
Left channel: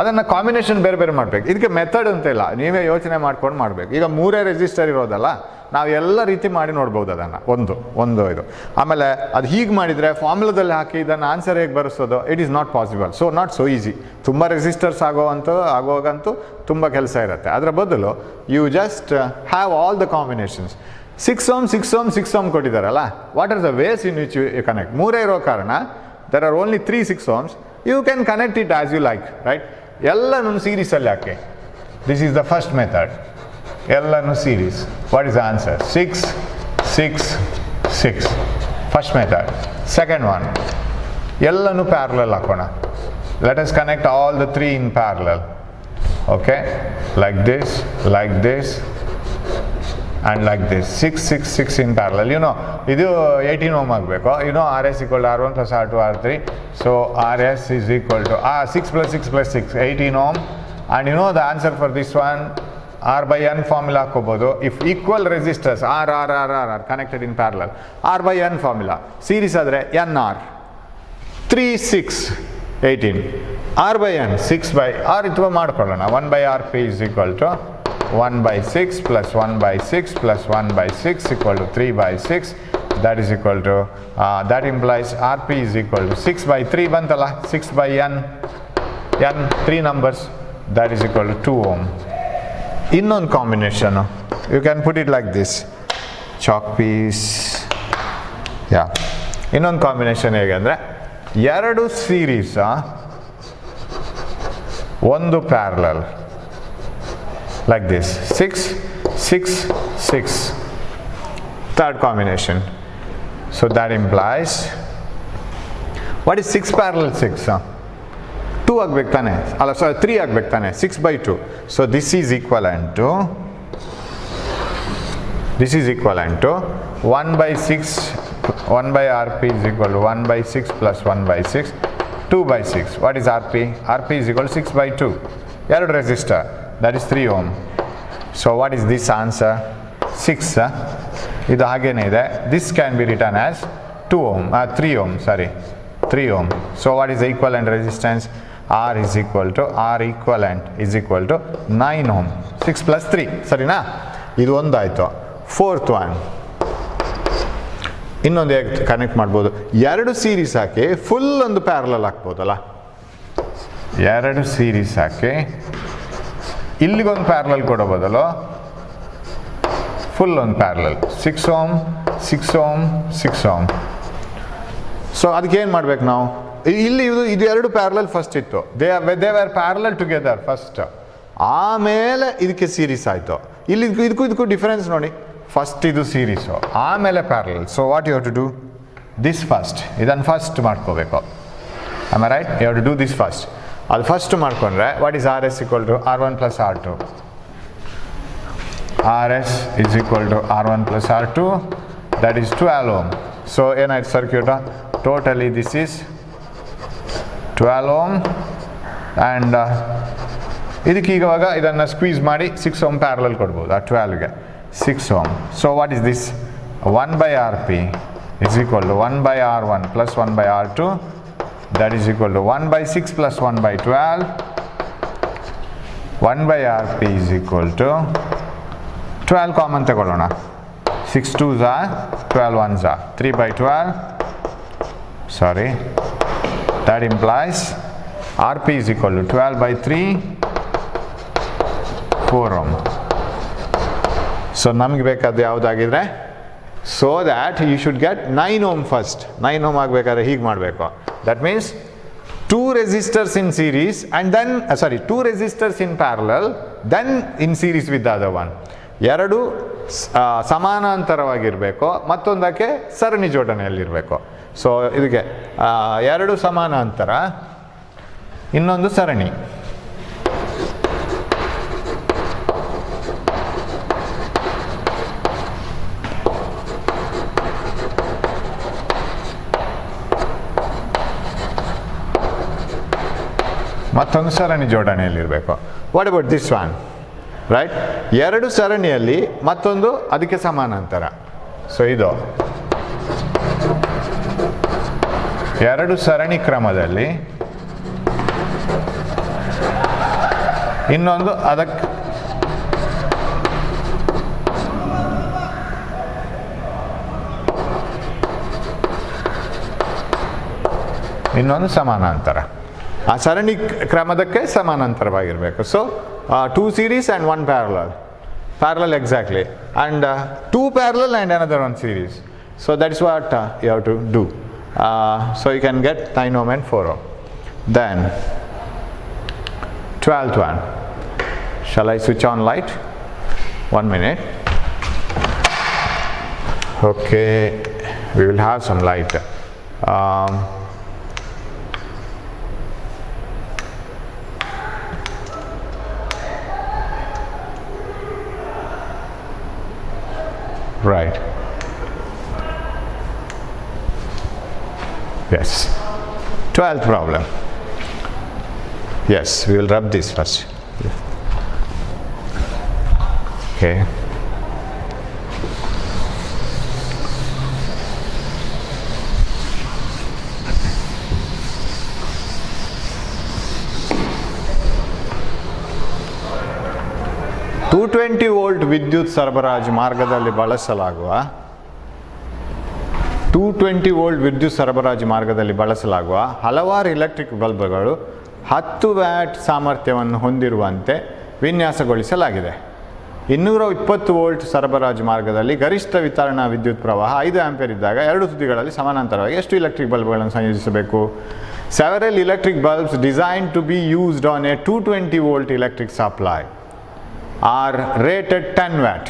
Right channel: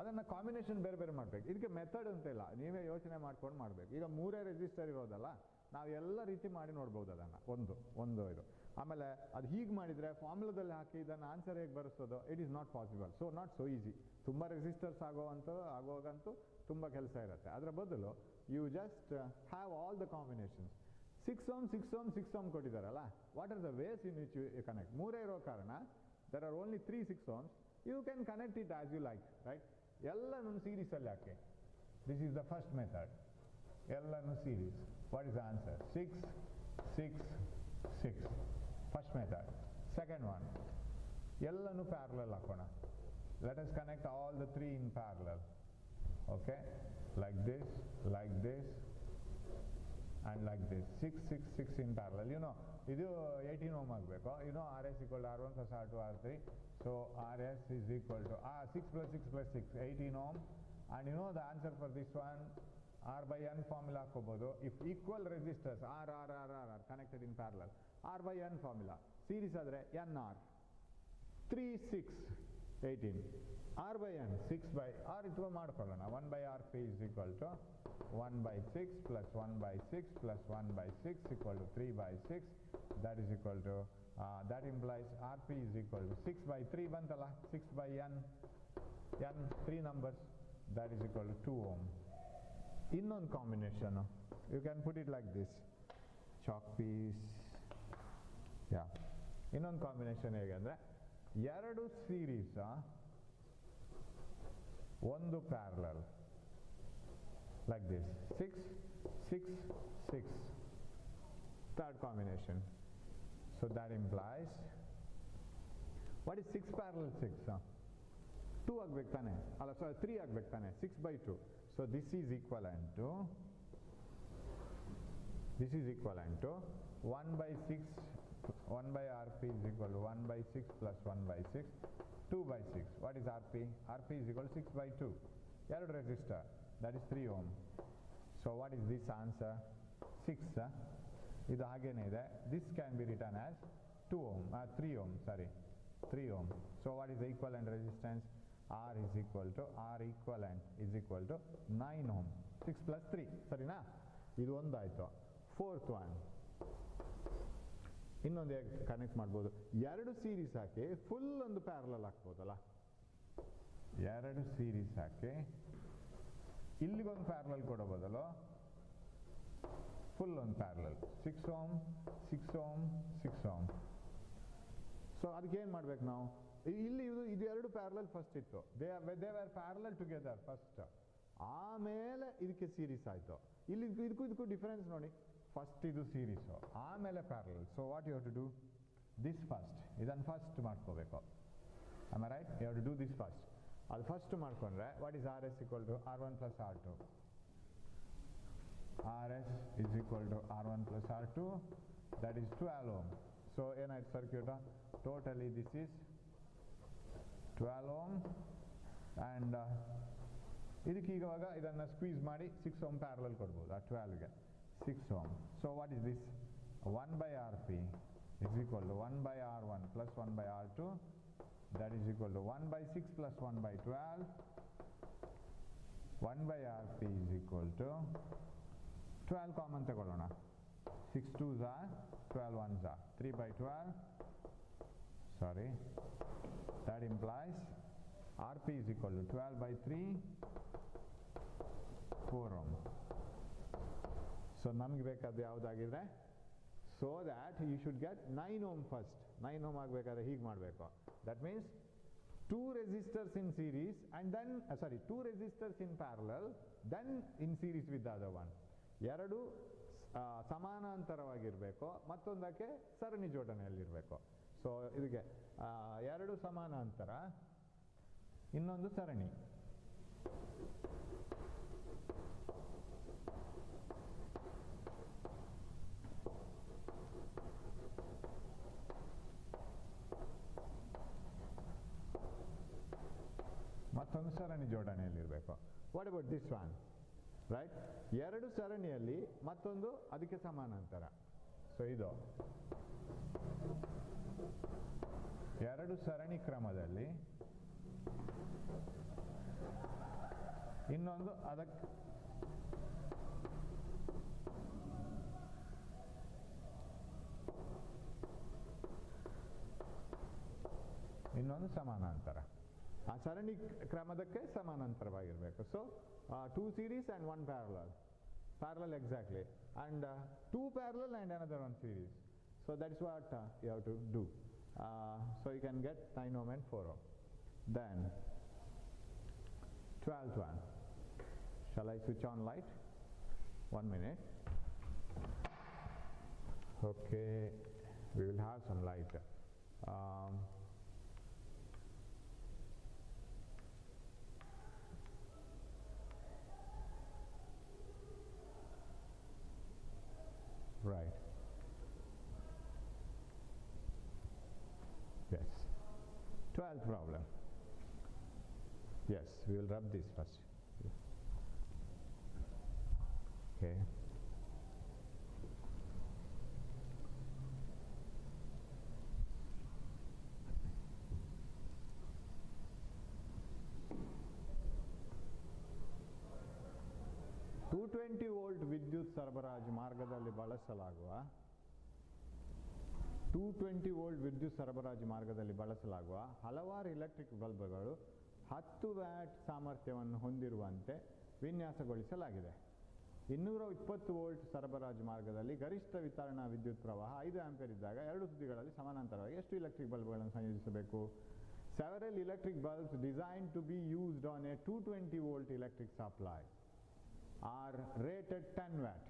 ಅದನ್ನು ಕಾಂಬಿನೇಷನ್ ಬೇರೆ ಬೇರೆ ಮಾಡಬೇಕು. ಇದಕ್ಕೆ ಮೆಥಡ್ ಅಂತ ಇಲ್ಲ, ನೀವೇ ಯೋಚನೆ ಮಾಡ್ಕೊಂಡು ಮಾಡಬೇಕು. ಈಗ 3 ರೆಸಿಸ್ಟರ್ ಇರೋದಲ್ಲ, ನಾವು ಎಲ್ಲ ರೀತಿ ಮಾಡಿ ನೋಡ್ಬೋದು ಅದನ್ನು. ಒಂದು ಇದು ಆಮೇಲೆ ಅದು ಹೀಗೆ ಮಾಡಿದರೆ ಫಾರ್ಮುಲಾದಲ್ಲಿ ಹಾಕಿ ಇದನ್ನು ಆನ್ಸರ್ ಹೇಗೆ ಬರೆಸೋದು? It is not possible. So not so easy. ತುಂಬ ರೆಸಿಸ್ಟರ್ಸ್ ಆಗೋಗಂತೂ ತುಂಬ ಕೆಲಸ ಇರುತ್ತೆ. ಅದರ ಬದಲು you just have all the combinations. 6 ohm 6 ohm 6 ohm ಕೊಟ್ಟಿದ್ದಾರಲ್ಲ, what are the ways in which you connect? 3 ಇರೋ ಕಾರಣ there are only 3 6 ohms. You can connect it as you like, right? ಎಲ್ಲನೂ ಸೀರೀಸಲ್ಲಿ ಹಾಕಿ. This is the first method. ಎಲ್ಲನೂ series. What is the answer? 6 6 6. First method. Second one, ಎಲ್ಲನೂ ಪ್ಯಾರಲಲ್ ಹಾಕೋಣ. Let us connect all the 3 in parallel. Okay, like this and like this. 6 6 6 in parallel. You know, ಇದು 18 ohm ಆಗಬೇಕು. You know, RS equal to R1 plus R2 R3. So RS is equal to 6 plus 6 plus 6, 18 ohm. And you know the answer for this one, R by N formula ಹಾಕೋಬೋದು. If equal resistors R connected in parallel, R by N formula. Series ಆದರೆ NR 3 6 18. R by N 6 by R ಇದು ಮಾಡ್ಕೊಳ್ಳೋಣ. 1 by RP is equal to 1 by 6 plus 1 by 6 plus 1 by 6 equal to 3 by 6. That is equal to, that implies RP is equal to 6 by 3 bantala, 6 by N 3 numbers, that is equal to 2 ohm. Innone combination, you can put it like this, chalk piece. Yeah, innone combination hege andre, ಎರಡು ಸೀರೀಸ್ ಒಂದು parallel, like this, 6 6 6. Third combination. So that implies, what is 6 parallel 6? 2 ಆಗಬೇಕು ತಾನೆ, ಅಲ್ಲ ಸಾರಿ 3 ಆಗಬೇಕು ತಾನೆ, 6 by 2. So this is equivalent to 1 by 6, 1 by RP is equal to 1 by 6 plus 1 by 6, 2 by 6. What is RP? RP is equal to 6 by 2. ಎರಡು resistor, that is 3 ohm. So what is this answer? 6. ಇದು ಹಾಗೇನೇ ಇದೆ. This can be written as 2 ohm, 3 ohm, sorry, 3 ohm. So what is the equivalent resistance? R equivalent is equal to 9 ohm. 6 plus 3, ಸರಿನಾ? ಇದು ಒಂದಾಯಿತು. ಫೋರ್ತ್ ಒನ್, ಇನ್ನೊಂದು ಹೇಗೆ ಕನೆಕ್ಟ್ ಮಾಡ್ಬೋದು? ಎರಡು ಸೀರೀಸ್ ಹಾಕಿ ಫುಲ್ ಒಂದು ಪ್ಯಾರಲಲ್ ಹಾಕ್ಬೋದಲ್ಲ. ಎರಡು ಸೀರೀಸ್ ಹಾಕಿ ಇಲ್ಲಿಗೊಂದು ಪ್ಯಾರಲಲ್ ಕೊಡೋ ಬದಲು ಫುಲ್ ಒಂದು parallel, 6 ohm 6 ohm 6 ohm. So ಅದಕ್ಕೆ ಏನು ಮಾಡ್ಬೇಕು ನಾವು? ಇಲ್ಲಿ ಇದು ಎರಡು ಪ್ಯಾರಲಲ್ ಫಸ್ಟ್ ಇತ್ತು, they are parallel together first, ಆಮೇಲೆ ಇದಕ್ಕೆ ಸೀರೀಸ್ ಆಯಿತು. ಇಲ್ಲಿ ಇದಕ್ಕೂ ಡಿಫರೆನ್ಸ್ ನೋಡಿ, ಫಸ್ಟ್ ಇದು ಸೀರೀಸು ಆಮೇಲೆ parallel. So what you have to do? This first, ಇದನ್ನು ಫಸ್ಟ್ ಮಾಡ್ಕೋಬೇಕು. Am I right? You have to do this first. ಅದು ಫಸ್ಟ್ ಮಾಡ್ಕೊಂಡ್ರೆ what is RS equal to R1 plus R2? RS is equal to R1 plus R2, that is 12 ohm. So ಏನಾಯ್ತು circuit? Totally this is 12 ohm and ಇದಕ್ಕೆ ಇವಾಗ ಇದನ್ನು ಸ್ಕ್ವೀಸ್ ಮಾಡಿ 6 ohm ಪ್ಯಾರಲಲ್ ಕೊಡ್ಬೋದು ಆ 12ಗೆ, 6 ohm. So what is this? 1 by RP is equal to 1 by R1 plus 1 by R2, that is equal to 1 by 6 plus 1 by 12. 1 by RP is equal to 12 common ತಗೊಳ್ಳೋಣ. 6 2s are 12 1s are 3 by 12. Sorry, that implies RP is equal to 12 by 3, 4 ohm. So ನಮಗೆ ಬೇಕಾದ ಯಾವುದಾಗಿದ್ರೆ, so that you should get 9 ohm first. 9 ohm ಆಗಬೇಕಾದ್ರೆ ಹೀಗೆ ಮಾಡಬೇಕು. That means 2 resistors in series and then 2 resistors in parallel, then in series with the other one. ಎರಡು ಸಮಾನಾಂತರವಾಗಿರಬೇಕು, ಮತ್ತೊಂದಕ್ಕೆ ಸರಣಿ ಜೋಡಣೆಯಲ್ಲಿರಬೇಕು. ಸೊ ಇದಕ್ಕೆ ಎರಡು ಸಮಾನಾಂತರ, ಇನ್ನೊಂದು ಸರಣಿ. ಮತ್ತೊಂದು ಸರಣಿ ಜೋಡಣೆಯಲ್ಲಿರಬೇಕು. What about this one, right? ಎರಡು ಸರಣಿಯಲ್ಲಿ ಮತ್ತೊಂದು ಅದಕ್ಕೆ ಸಮಾನಾಂತರ. ಸೊ ಇದು ಎರಡು ಸರಣಿ ಕ್ರಮದಲ್ಲಿ ಇನ್ನೊಂದು ಅದಕ್ಕೆ ಇನ್ನೊಂದು ಸಮಾನಾಂತರ. ಆ ಸರಣಿ ಕ್ರಮದಕ್ಕೆ ಸಮಾನಾಂತರವಾಗಿರಬೇಕು. So 2 series and 1 parallel exactly, and 2 parallel and another 1 series. So that is what you have to do. So you can get 9 ohm and 4 ohm. Then 12th one. Shall I switch on light? 1 minute. Okay, we will have some light. Right. Yes. 12th problem. Yes, we will rub this first. Okay. $220 volt ವಿದ್ಯುತ್ ಸರಬರಾಜು ಮಾರ್ಗದಲ್ಲಿ ಬಳಸಲಾಗುವ 220 ವೋಲ್ಟ್ ವಿದ್ಯುತ್ ಸರಬರಾಜು ಮಾರ್ಗದಲ್ಲಿ ಬಳಸಲಾಗುವ ಹಲವಾರು ಎಲೆಕ್ಟ್ರಿಕ್ ಬಲ್ಬ್ಗಳು 10 ವ್ಯಾಟ್ ಸಾಮರ್ಥ್ಯವನ್ನು ಹೊಂದಿರುವಂತೆ ವಿನ್ಯಾಸಗೊಳಿಸಲಾಗಿದೆ. 220 ವೋಲ್ಟ್ ಸರಬರಾಜು ಮಾರ್ಗದಲ್ಲಿ ಗರಿಷ್ಠ ವಿತರಣಾ ವಿದ್ಯುತ್ ಪ್ರವಾಹ 5 ಆಂಪಿಯರ್ ಇದ್ದಾಗ ಎರಡು ತುದಿಗಳಲ್ಲಿ ಸಮಾನಾಂತರವಾಗಿ ಎಷ್ಟು ಎಲೆಕ್ಟ್ರಿಕ್ ಬಲ್ಬ್ಗಳನ್ನು ಸಂಯೋಜಿಸಬೇಕು? Several electric bulbs designed to be used on a 220 volt electric supply are rated 10 watt.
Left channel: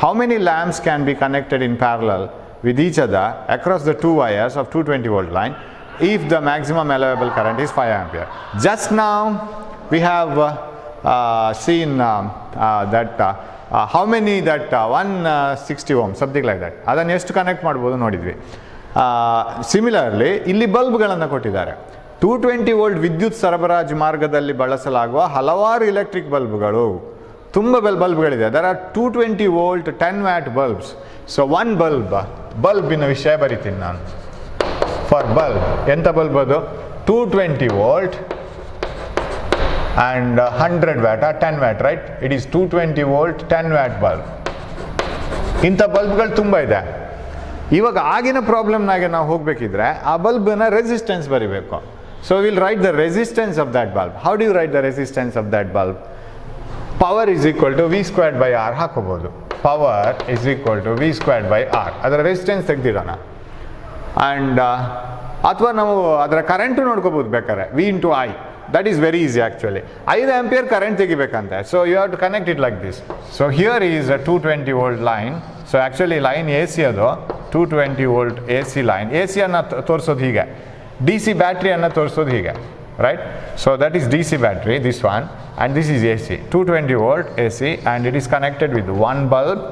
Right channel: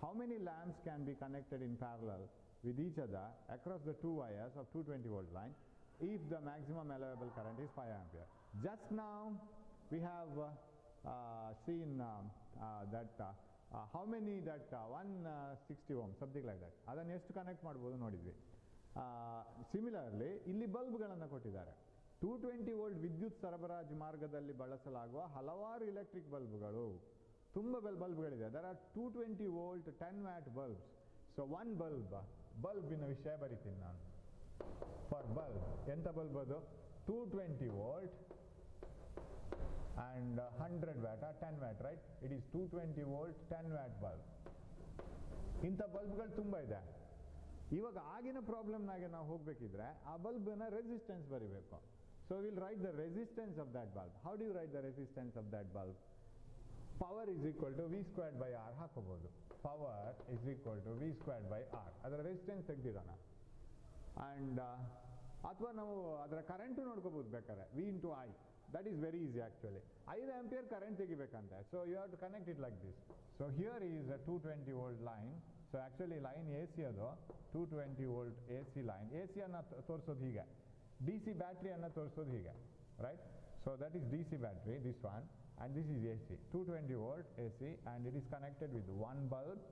How many lamps can be connected in parallel with each other across the 2 wires of 220 volt line if the maximum allowable current is 5 ampere? Just now we have seen that how many that 160 ohm something like that ಅದನ್ನು ಎಷ್ಟು ಕನೆಕ್ಟ್ ಮಾಡ್ಬೋದು ನೋಡಿದ್ವಿ. ಸಿಮಿಲರ್ಲಿ ಇಲ್ಲಿ ಬಲ್ಬ್ಗಳನ್ನು ಕೊಟ್ಟಿದ್ದಾರೆ. 220 ವೋಲ್ಟ್ ವಿದ್ಯುತ್ ಸರಬರಾಜು ಮಾರ್ಗದಲ್ಲಿ ಬಳಸಲಾಗುವ ಹಲವಾರು ಎಲೆಕ್ಟ್ರಿಕ್ ಬಲ್ಬ್ಗಳು, ತುಂಬ ಬಲ್ಬ್ಗಳಿದೆ. There are 220 volt 10 watt bulbs. So one ಬಲ್ಬಿನ ವಿಷಯ ಬರಿತೀನಿ ನಾನು. ಫಾರ್ ಬಲ್ಬ್ ಎಂಥ ಬಲ್ಬ್ ಅದು? 220 volt and 100 watt 10 watt, right? It is 220 volt 10 watt bulb. ಇಂಥ ಬಲ್ಬ್ಗಳು ತುಂಬ ಇದೆ. ಇವಾಗ ಆಗಿನ ಪ್ರಾಬ್ಲಮ್ನಾಗೆ ನಾವು ಹೋಗಬೇಕಿದ್ರೆ ಆ ಬಲ್ಬ್ನ ರೆಸಿಸ್ಟೆನ್ಸ್ ಬರಿಬೇಕು. So will write the resistance of that bulb. How do you write the resistance of that bulb? Power is equal to V²/R ಹಾಕೋಬೋದು. Power is equal to V²/R. ಅದರ ರೆಸಿಸ್ಟೆನ್ಸ್ ತೆಗೆದಿಡೋಣ. ಆ್ಯಂಡ್ ಅಥವಾ ನಾವು ಅದರ ಕರೆಂಟು ನೋಡ್ಕೋಬೋದು ಬೇಕಾದ್ರೆ, V into I. That is very easy actually. 5 ampere current ತೆಗಿಬೇಕಂತೆ. So you have to connect it like this. So here is a 220 volt line. So actually line A C ಅದು 220 volt A C line. A ಸಿಯನ್ನು ತೋರಿಸೋದು ಹೀಗೆ, ಡಿ ಸಿ ಬ್ಯಾಟ್ರಿಯನ್ನು ತೋರಿಸೋದು ಹೀಗೆ, right? So that is D C battery, this one, and this is A C 220 volt A C, and it is connected with one bulb,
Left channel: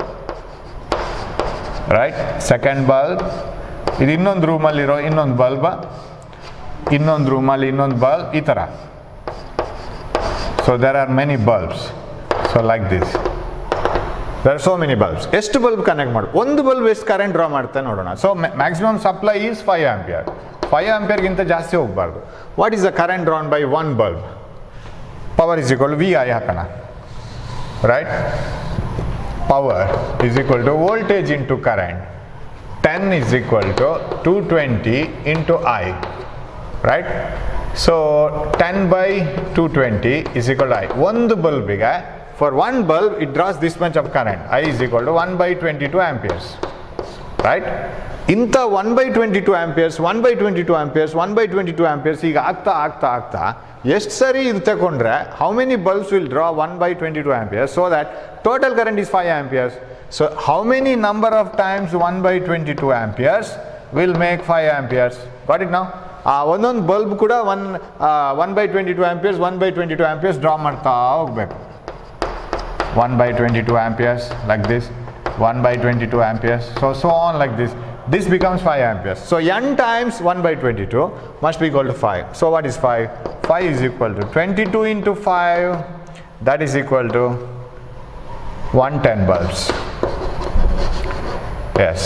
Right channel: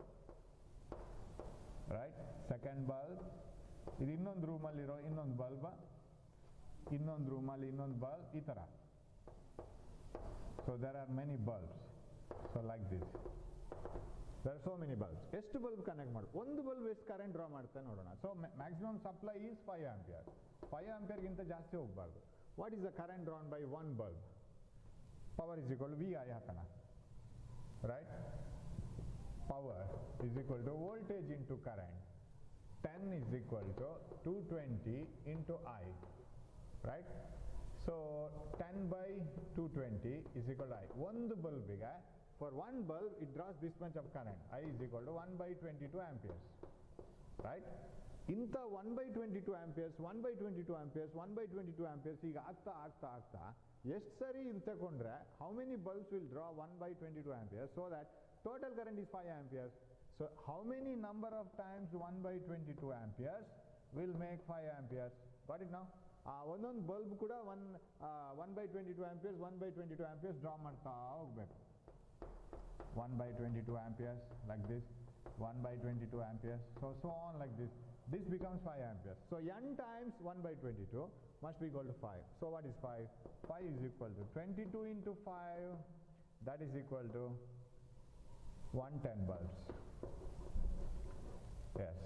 right? Second bulb, ಇದು ಇನ್ನೊಂದು ರೂಮಲ್ಲಿರೋ ಇನ್ನೊಂದು ಬಲ್ಬ್, ಇನ್ನೊಂದು ರೂಮಲ್ಲಿ ಇನ್ನೊಂದು ಬಲ್ಬ್, ಈ ಥರ. So there are many bulbs. So like this there are so many bulbs. ಎಷ್ಟು ಬಲ್ಬ್ ಕನೆಕ್ಟ್ ಮಾಡಿ ಒಂದು ಬಲ್ಬ್ ಎಷ್ಟು ಕರೆಂಟ್ ಡ್ರಾ ಮಾಡ್ತಾ ನೋಡೋಣ. So maximum supply is 5 ampere. 5 ಆಂಪಿಯರ್ಗಿಂತ ಜಾಸ್ತಿ ಹೋಗಬಾರ್ದು. What is the current drawn by one bulb? Power is equal to VI ಹಾಕೋಣ, right? Power is equal to voltage into current. 10 is equal to 220 into I, right? So 10/220 is equal to I. ಒಂದು ಬಲ್ಬಿಗೆ for one bulb it draws this much of current. I is equal to 1/22 amperes, right? ಇಂಥ 1/22 amperes 1/22 amperes 1/22 amperes ಈಗ ಆಗ್ತಾ ಎಷ್ಟು ಸರಿ ಇದು ತಗೊಂಡ್ರೆ how many bulbs will draw 1/22 amperes so that total current is 5 amperes. So how many number of times 1/22 amperes will make 5 amperes? Got it now? ಒಂದೊಂದು ಬಲ್ಬ್ ಕೂಡ 1/22 amperes 1/22 amperes ಡ್ರಾ ಮಾಡ್ತಾ ಹೋಗ್ಬೇಕು. 1/22 amperes like this, 1/22 amperes, so on like this. This becomes 5 amperes. So n times 1/22 must be equal to 5. So what is 5? Phi is equal to 22 into 5, that is equal to 110 bulbs. Yes,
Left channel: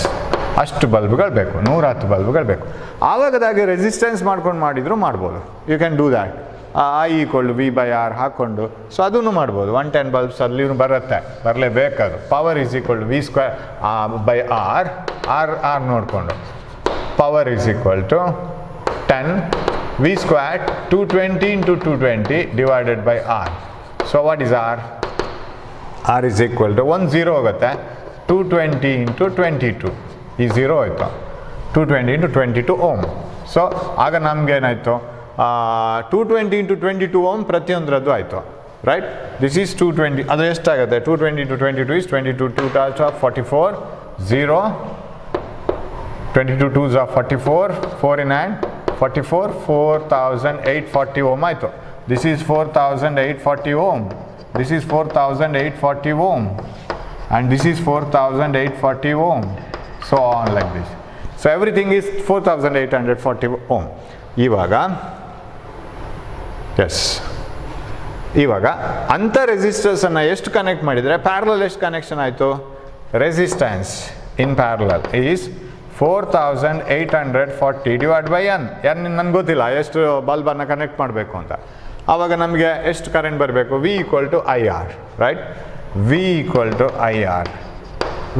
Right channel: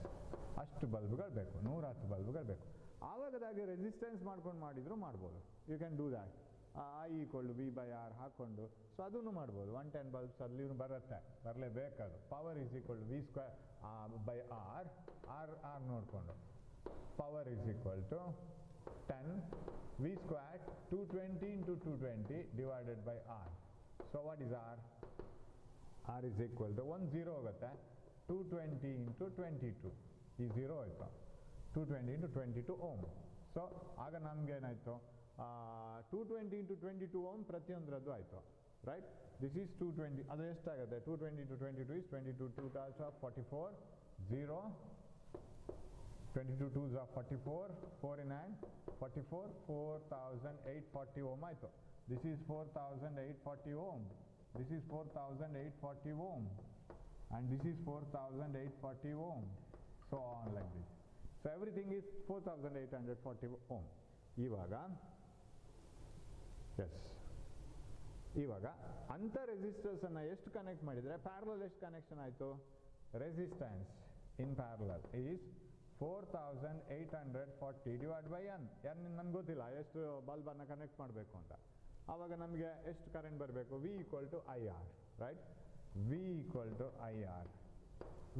ಅಷ್ಟು ಬಲ್ಬ್ಗಳು ಬೇಕು, 110 ಬಲ್ಬ್ಗಳು ಬೇಕು. ಆವಾಗದಾಗೆ ರೆಸಿಸ್ಟೆನ್ಸ್ ಮಾಡ್ಕೊಂಡು ಮಾಡಿದ್ರು ಮಾಡ್ಬೋದು. You can do that. I equal to V by R ಹಾಕ್ಕೊಂಡು, ಸೊ ಅದನ್ನು ಮಾಡ್ಬೋದು. 110 ಬಲ್ಬ್ಸ್ ಅಲ್ಲಿ ಬರುತ್ತೆ, ಬರಲೇಬೇಕದು. Power is equal to V square by R ನೋಡಿಕೊಂಡು power is equal to 10 V square 220 into 220 divided by R. So what is R? R is equal to 10 ಹೋಗುತ್ತೆ, 220 into 22 ಈ 0 ಆಯಿತು, 220 into 22 ಓಮ್. ಸೊ ಆಗ ನಮಗೇನಾಯಿತು, 220 into 22 ಓಮ್ ಪ್ರತಿಯೊಂದರದ್ದು ಆಯಿತು, ರೈಟ್. ದಿಸ್ ಈಸ್ 220, ಅದು ಎಷ್ಟಾಗುತ್ತೆ, 220 into 22 is 22 2 44 0, 22 2s are 44, 4 in hand 44, 4840 ohm ಆಯಿತು. This is 4840 ohm, this is 4840 ohm, and this is 4840 ohm, so on like this. So everything is 4840 ohm. ಇವಾಗ ಎಸ್, ಇವಾಗ ಅಂಥ ರೆಸಿಸ್ಟರ್ಸನ್ನು ಎಷ್ಟು ಕನೆಕ್ಟ್ ಮಾಡಿದರೆ ಪ್ಯಾರಲಲ್ ಎಷ್ಟು ಕನೆಕ್ಷನ್ ಆಯಿತು? Resistance in parallel is 4840 divide by N. ನನಗೆ ಗೊತ್ತಿಲ್ಲ ಎಷ್ಟು ಬಲ್ಬನ್ನು ಕನೆಕ್ಟ್ ಮಾಡಬೇಕು ಅಂತ. ಆವಾಗ ನಮಗೆ ಎಷ್ಟು ಕರೆಂಟ್ ಬರಬೇಕು? V equal to I R, right. V equal to I R.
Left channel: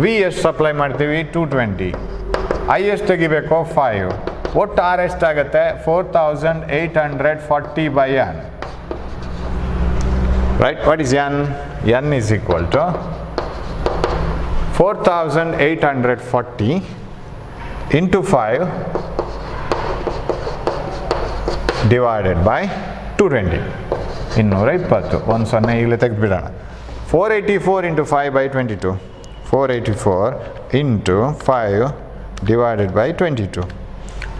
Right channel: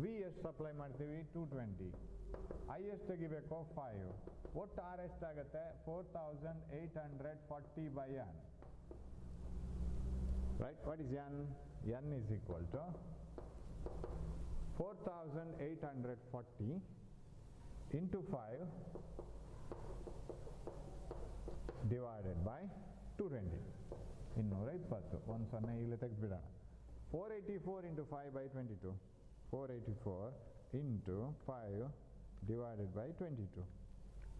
V ಎಷ್ಟು ಸಪ್ಲೈ ಮಾಡ್ತೀವಿ? 220. ಐ ಎಷ್ಟು ತೆಗಿಬೇಕು? 5. ಒಟ್ಟು ಆರ್ ಎಷ್ಟಾಗುತ್ತೆ? 4840 by N, right. What is N? N is equal to 4840 into 5 divided by 220. 220, ಒಂದು ಸೊನ್ನೆ ಈಗಲೇ ತೆಗೆದುಬಿಡೋಣ. 484 into 5 by 22, 484 into 5 divided by 22,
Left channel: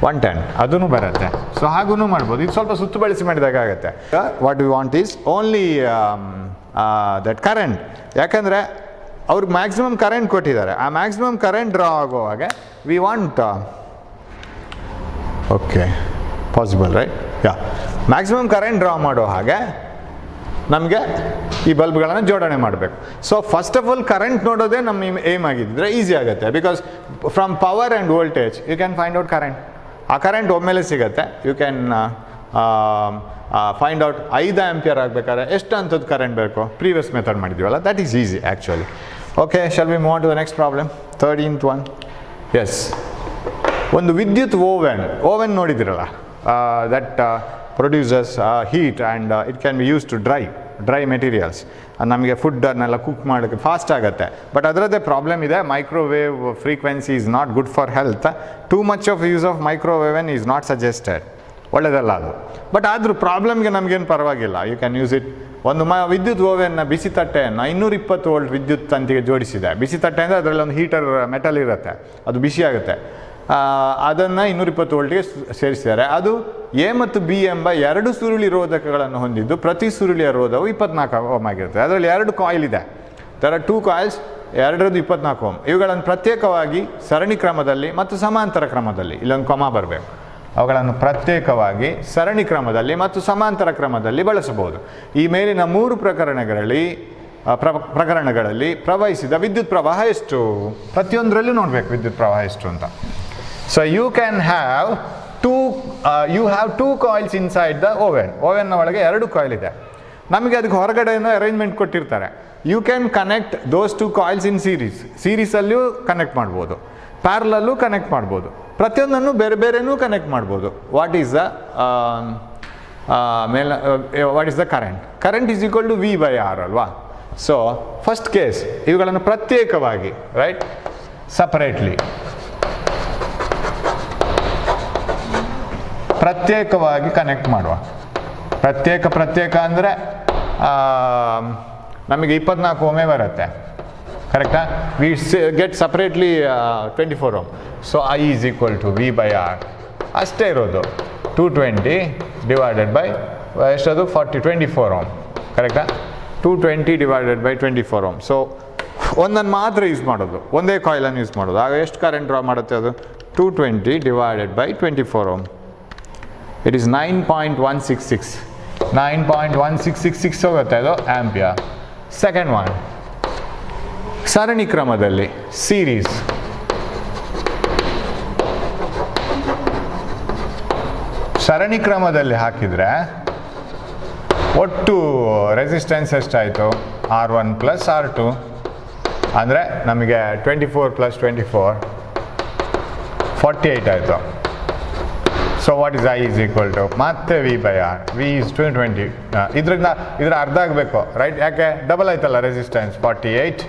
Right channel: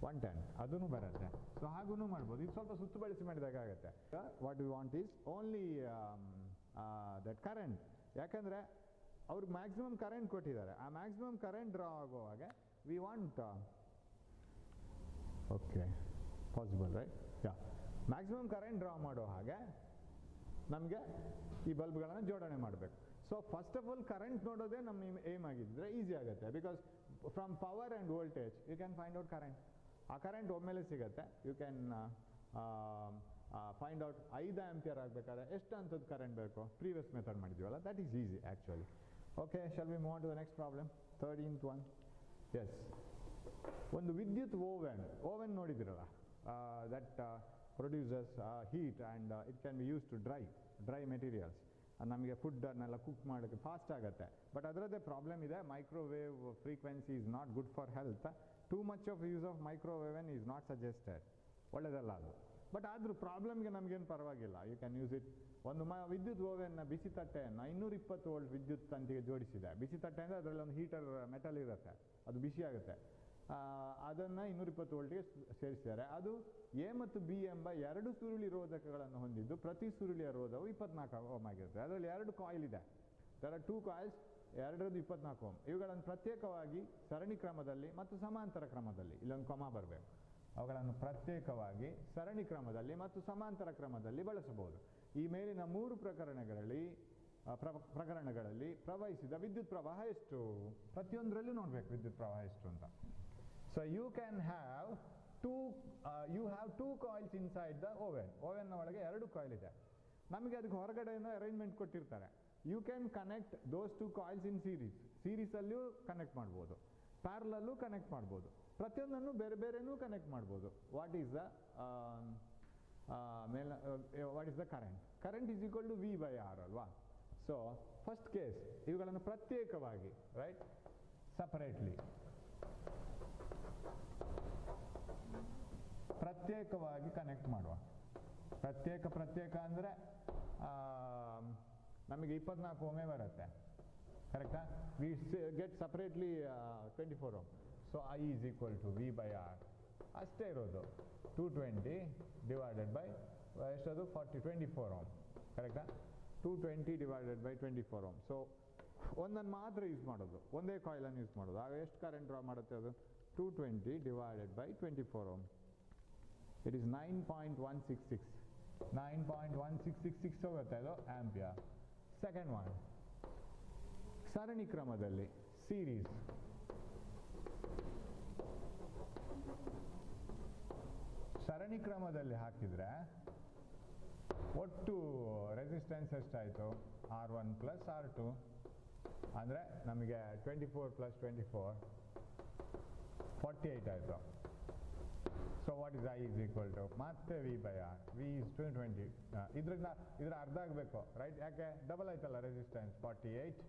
110. ಅದೂ ಬರುತ್ತೆ. ಸೊ ಹಾಗೂ ಮಾಡ್ಬೋದು. ಇದು ಸ್ವಲ್ಪ ಸುತ್ತು ಬಳಸಿ ಮಾಡಿದಾಗ ಆಗುತ್ತೆ. What we want is only that current. ಯಾಕಂದರೆ ಅವ್ರಿಗೆ ಮ್ಯಾಕ್ಸಿಮಮ್ ಕರೆಂಟ್ ಕೊಟ್ಟಿದ್ದಾರೆ. ಆ ಮ್ಯಾಕ್ಸಿಮಮ್ ಕರೆಂಟ್ ಡ್ರಾ ಆಗೋ ಹಾಗೆ we want, okay possible right, yeah, maximum current draw ಮಾಡೋ ಹಾಗೆ ನಮಗೆ ಈ ಬಲ್ಬ್ಗಳನ್ನು ಜೋಡಣೆ ಮಾಡಬೇಕು. So first of all current ನೋಡೋದೇ ನಮ್ಮ ಏಮ್ ಆಗಿದ್ದರೆ ಈಸಿ ಆಗುತ್ತೆ. Because from power and voltage you can find out current. ಆ ಕರೆಂಟ್ ಒಮ್ಮೆಲೆ ಸಿಗುತ್ತೆ. You can find out 5 ampere ಆಗಬೇಕಾದ್ರೆ ಎಷ್ಟು ಅಂಥದ್ದು ಕರೆಂಟ್ ಬೇಕು, ಪ್ರೀವಿಯಸ್ ಮೆಥಡ್ ಮಾಡಿದ್ದೀವಲ್ಲ, that is easy actually. Okay, shall we move on to the next problem, 13th one. Yes, ಒಂದು ವಿದ್ಯುತ್ ಓವೆನ್ ನೋಡಿದಿರಲ್ಲ, that produces heat and it can be use to dry materials. ನಮಗೆ ಫುಡ್ಡನ್ನೆಲ್ಲ ಕುಕ್ ಮಾಡೋಕ್ಕೆ ಫಾಸ್ಟ್ ಆಗುತ್ತೆ. ಬಟ್ ಅದರದ್ದೇ ಪ್ರಾಬ್ಲಮ್ ಇದೆ, microwave frequency is not good for health. Too much of use of microwave is not suggested. ಒಳ್ಳೆಯದಲ್ಲ ಅದು. ಬಟ್ ಆದರೂ ಪ್ರಾಬ್ಲಮ್ಗೆ ನಮಗೇನು ಪರವಾಗಿಲ್ಲ, ಯು ಕ್ಯಾನ್ ಯೂಸ್ ಇಟ್. ಒಂದು ವಿದ್ಯುತ್ ಓವೆನ್ನ ಬಿಸಿ ತಟ್ಟೆಯನ್ನು 220 ವೋಲ್ಟ್ ವಿದ್ಯುತ್ ತಂತಿಗೆ ಜೋಡಿಸಿದೆ. ಬಿಸಿ ತಟ್ಟೆ ಅಂದರೆ ಅದರಲ್ಲಿ ಒಂದು ಹೀಟರ್ ಮೆಟಲ್ ಇರುತ್ತೆ, ಅದು ಬಿಸಿ ಆಗುತ್ತೆ. ಅದನ್ನು 220 ವೋಲ್ಟ್ಗೆ ಸೇರಿಸಿದ್ದಾರೆ. ಅದು ಎ ಮತ್ತು ಬಿ ಎಂಬ 2 ಸುರುಳಿ ರೋಧಕಗಳನ್ನು ಹೊಂದಿದ್ದು ಪ್ರತಿ ಸುರುಳಿಯ ರೋಧವು 24 ಓಮ್ ಆಗಿರುತ್ತೆ. ಅದರಲ್ಲಿ 2 ಕಾಯಿಲ್ ಇದೆ. There are 2 coils, 2 24 ohm. ಇವುಗಳನ್ನು ಪ್ರತ್ಯೇಕವಾಗಿ ಸರಣಿ ಕ್ರಮದಲ್ಲಿ ಮತ್ತು ಸಮಾಂತರ ಕ್ರಮದಲ್ಲಿ, ಇಲ್ಲೊಂದು ಕೊಮ ಬರಬೇಕು, ಅವುಗಳನ್ನು ಪ್ರತ್ಯೇಕವಾಗಿ ಸರಣಿ ಕ್ರಮದಲ್ಲಿ ಮತ್ತು ಸಮಾಂತರ ಕ್ರಮದಲ್ಲಿ ಬಳಸಬಹುದು. ಈ ಮೇಲಿನ 3 ಪ್ರಕರಣಗಳಲ್ಲಿ ಪ್ರವಹಿಸಿದ ವಿದ್ಯುತ್ ಪ್ರವಾಹ ಎಷ್ಟು? ಪ್ರತಿಯೊಂದರಲ್ಲೂ ನೋಡಬೇಕು ವಿದ್ಯುತ್ ಪ್ರವಾಹ ಎಷ್ಟು ಅಂತ. So you can have two coils inside the ಓವೆನ್ನ ಒಳಗೆ 2 ಕಾಯಿಲ್ ಇದೆ. ನಮಗೆ ಅದಕ್ಕೆ ಹೊರಗಡೆಯಿಂದ ಅರೇಂಜ್ಮೆಂಟ್ ಕೊಟ್ಟಿರ್ತಾರೆ. You can connect those 2 coils in ಸೀರೀಸಲ್ಲಿಯೂ ಕನೆಕ್ಟ್ ಮಾಡ್ಬೋದು, ಪ್ಯಾರಲಲ್ಲೂ ಕನೆಕ್ಟ್ ಮಾಡ್ಬೋದು, ಪ್ರತಿಯೊಂದನ್ನು ಬೇರೆ ಬೇರೆನೂ ಕನೆಕ್ಟ್ ಮಾಡ್ಬೋದು. What is the current? Current is equal to V by R ಅಲ್ವಾ? ಸೊ ಫಸ್ಟ್ ಕೇಸ್ ಇವುಗಳನ್ನು ಪ್ರತ್ಯೇಕವಾಗಿ, ರೈಟ್, ಸಪರೇಟ್ಲಿ ಪ್ರತ್ಯೇಕವಾಗಿ ಕನೆಕ್ಟ್ ಮಾಡುವ. ಪ್ರತ್ಯೇಕ ಅಂದರೆ ನಮಗೆ 24 ಓಮೇ ಬರುತ್ತೆ, ಕರೆಕ್ಟಾ? We get separately 24 ohm. So I is equal to V by R ಅಷ್ಟೇ ಇರೋದು. 220 ಡಿವೈಡೆಡ್ ಬೈ ಎಷ್ಟದು 24 ಓಮ್, ಕರೆಕ್ಟಾ? 220 ಡಿವೈಡೆಡ್ ಬೈ 24 ಓಮ್. ಸೊ ಒಂದನ್ನು ಮಾತ್ರ ಯೂಸ್ ಮಾಡೋದು, ಒಂದೇ ಕಾಯಿಲನ್ನು ಯೂಸ್ ಮಾಡೋದು. ಆಗ ಎಷ್ಟು ಕರೆಂಟ್ ಡ್ರಾ ಮಾಡುತ್ತೆ ಅದು? 220 divided by 24 ohm. It is 9.166. 9.1666 ಹೋಗುತ್ತೆ ಅದು ಆಂಪಿಯರ್. ಸೆಕೆಂಡ್ ಒನ್, ಸರಣಿ ಕ್ರಮದಲ್ಲಿ ಸೀರೀಸ್, ಸರಣಿ ಕ್ರಮದಲ್ಲಿ ಹಾಕಿದರೆ ಒಟ್ಟು ರೆಸಿಸ್ಟೆನ್ಸ್ ಎಷ್ಟಾಯಿತು? R1 ಪ್ಲಸ್ R2 ಅಂದರೆ ನಮಗೆ 24 ಪ್ಲಸ್ 24 48 ಆಯಿತು. So what is I is equal to ಮತ್ತೆ V by R, V is 220. ಇದ್ರ ಅರ್ಧ ಆಗಬೇಕು ರೈಟ್, ಯಾಕೆ ಡಬಲ್ ಆಯ್ತಲ್ಲ ರೆಸಿಸ್ಟೆನ್ಸ್ 48,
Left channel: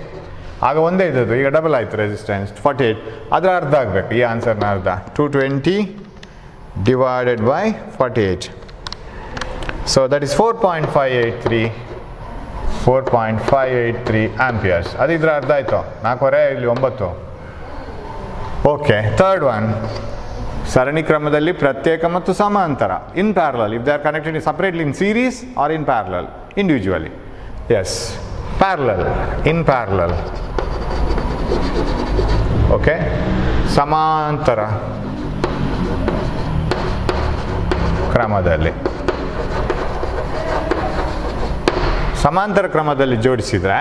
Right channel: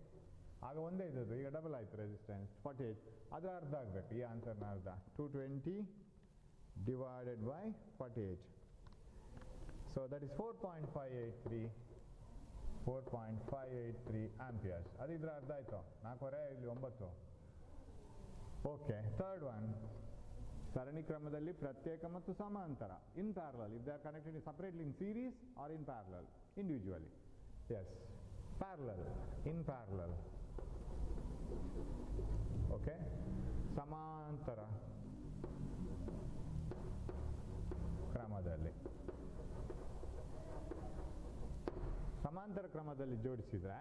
ಆಗ ಒಂದೇ ಇದ್ದದ್ದು, ಈಗ ಡಬಲ್ ಆಯಿತು ರೆಸಿಸ್ಟೆನ್ಸ್ 48, ಅದರ ಅರ್ಧ ಆಗಬೇಕು, ಈ ಆನ್ಸರ್ನ ಅರ್ಧ 220 divided by 48. So that is 4.583 amperes. ಅದು ಇದರ ಅರ್ಧ ಆಯಿತು, 4 ಇಲ್ಲಿ 9. ಓಕೆ, ಥರ್ಡ್ ಒನ್, ಸರಣಿ ಕ್ರಮದಲ್ಲಿ ಪ್ರತ್ಯೇಕ ಮತ್ತು ಸಮಾಂತರ, in parallel, if they are connected separately in series or in parallel, individually. Yes, parallel, in parallel. Okay, ಸಮಾಂತರ ಕ್ರಮದಲ್ಲಿ, ಸಮಾಂತರ ಕ್ರಮದಲ್ಲಿ ಜೋಡಿಸಿದರೆ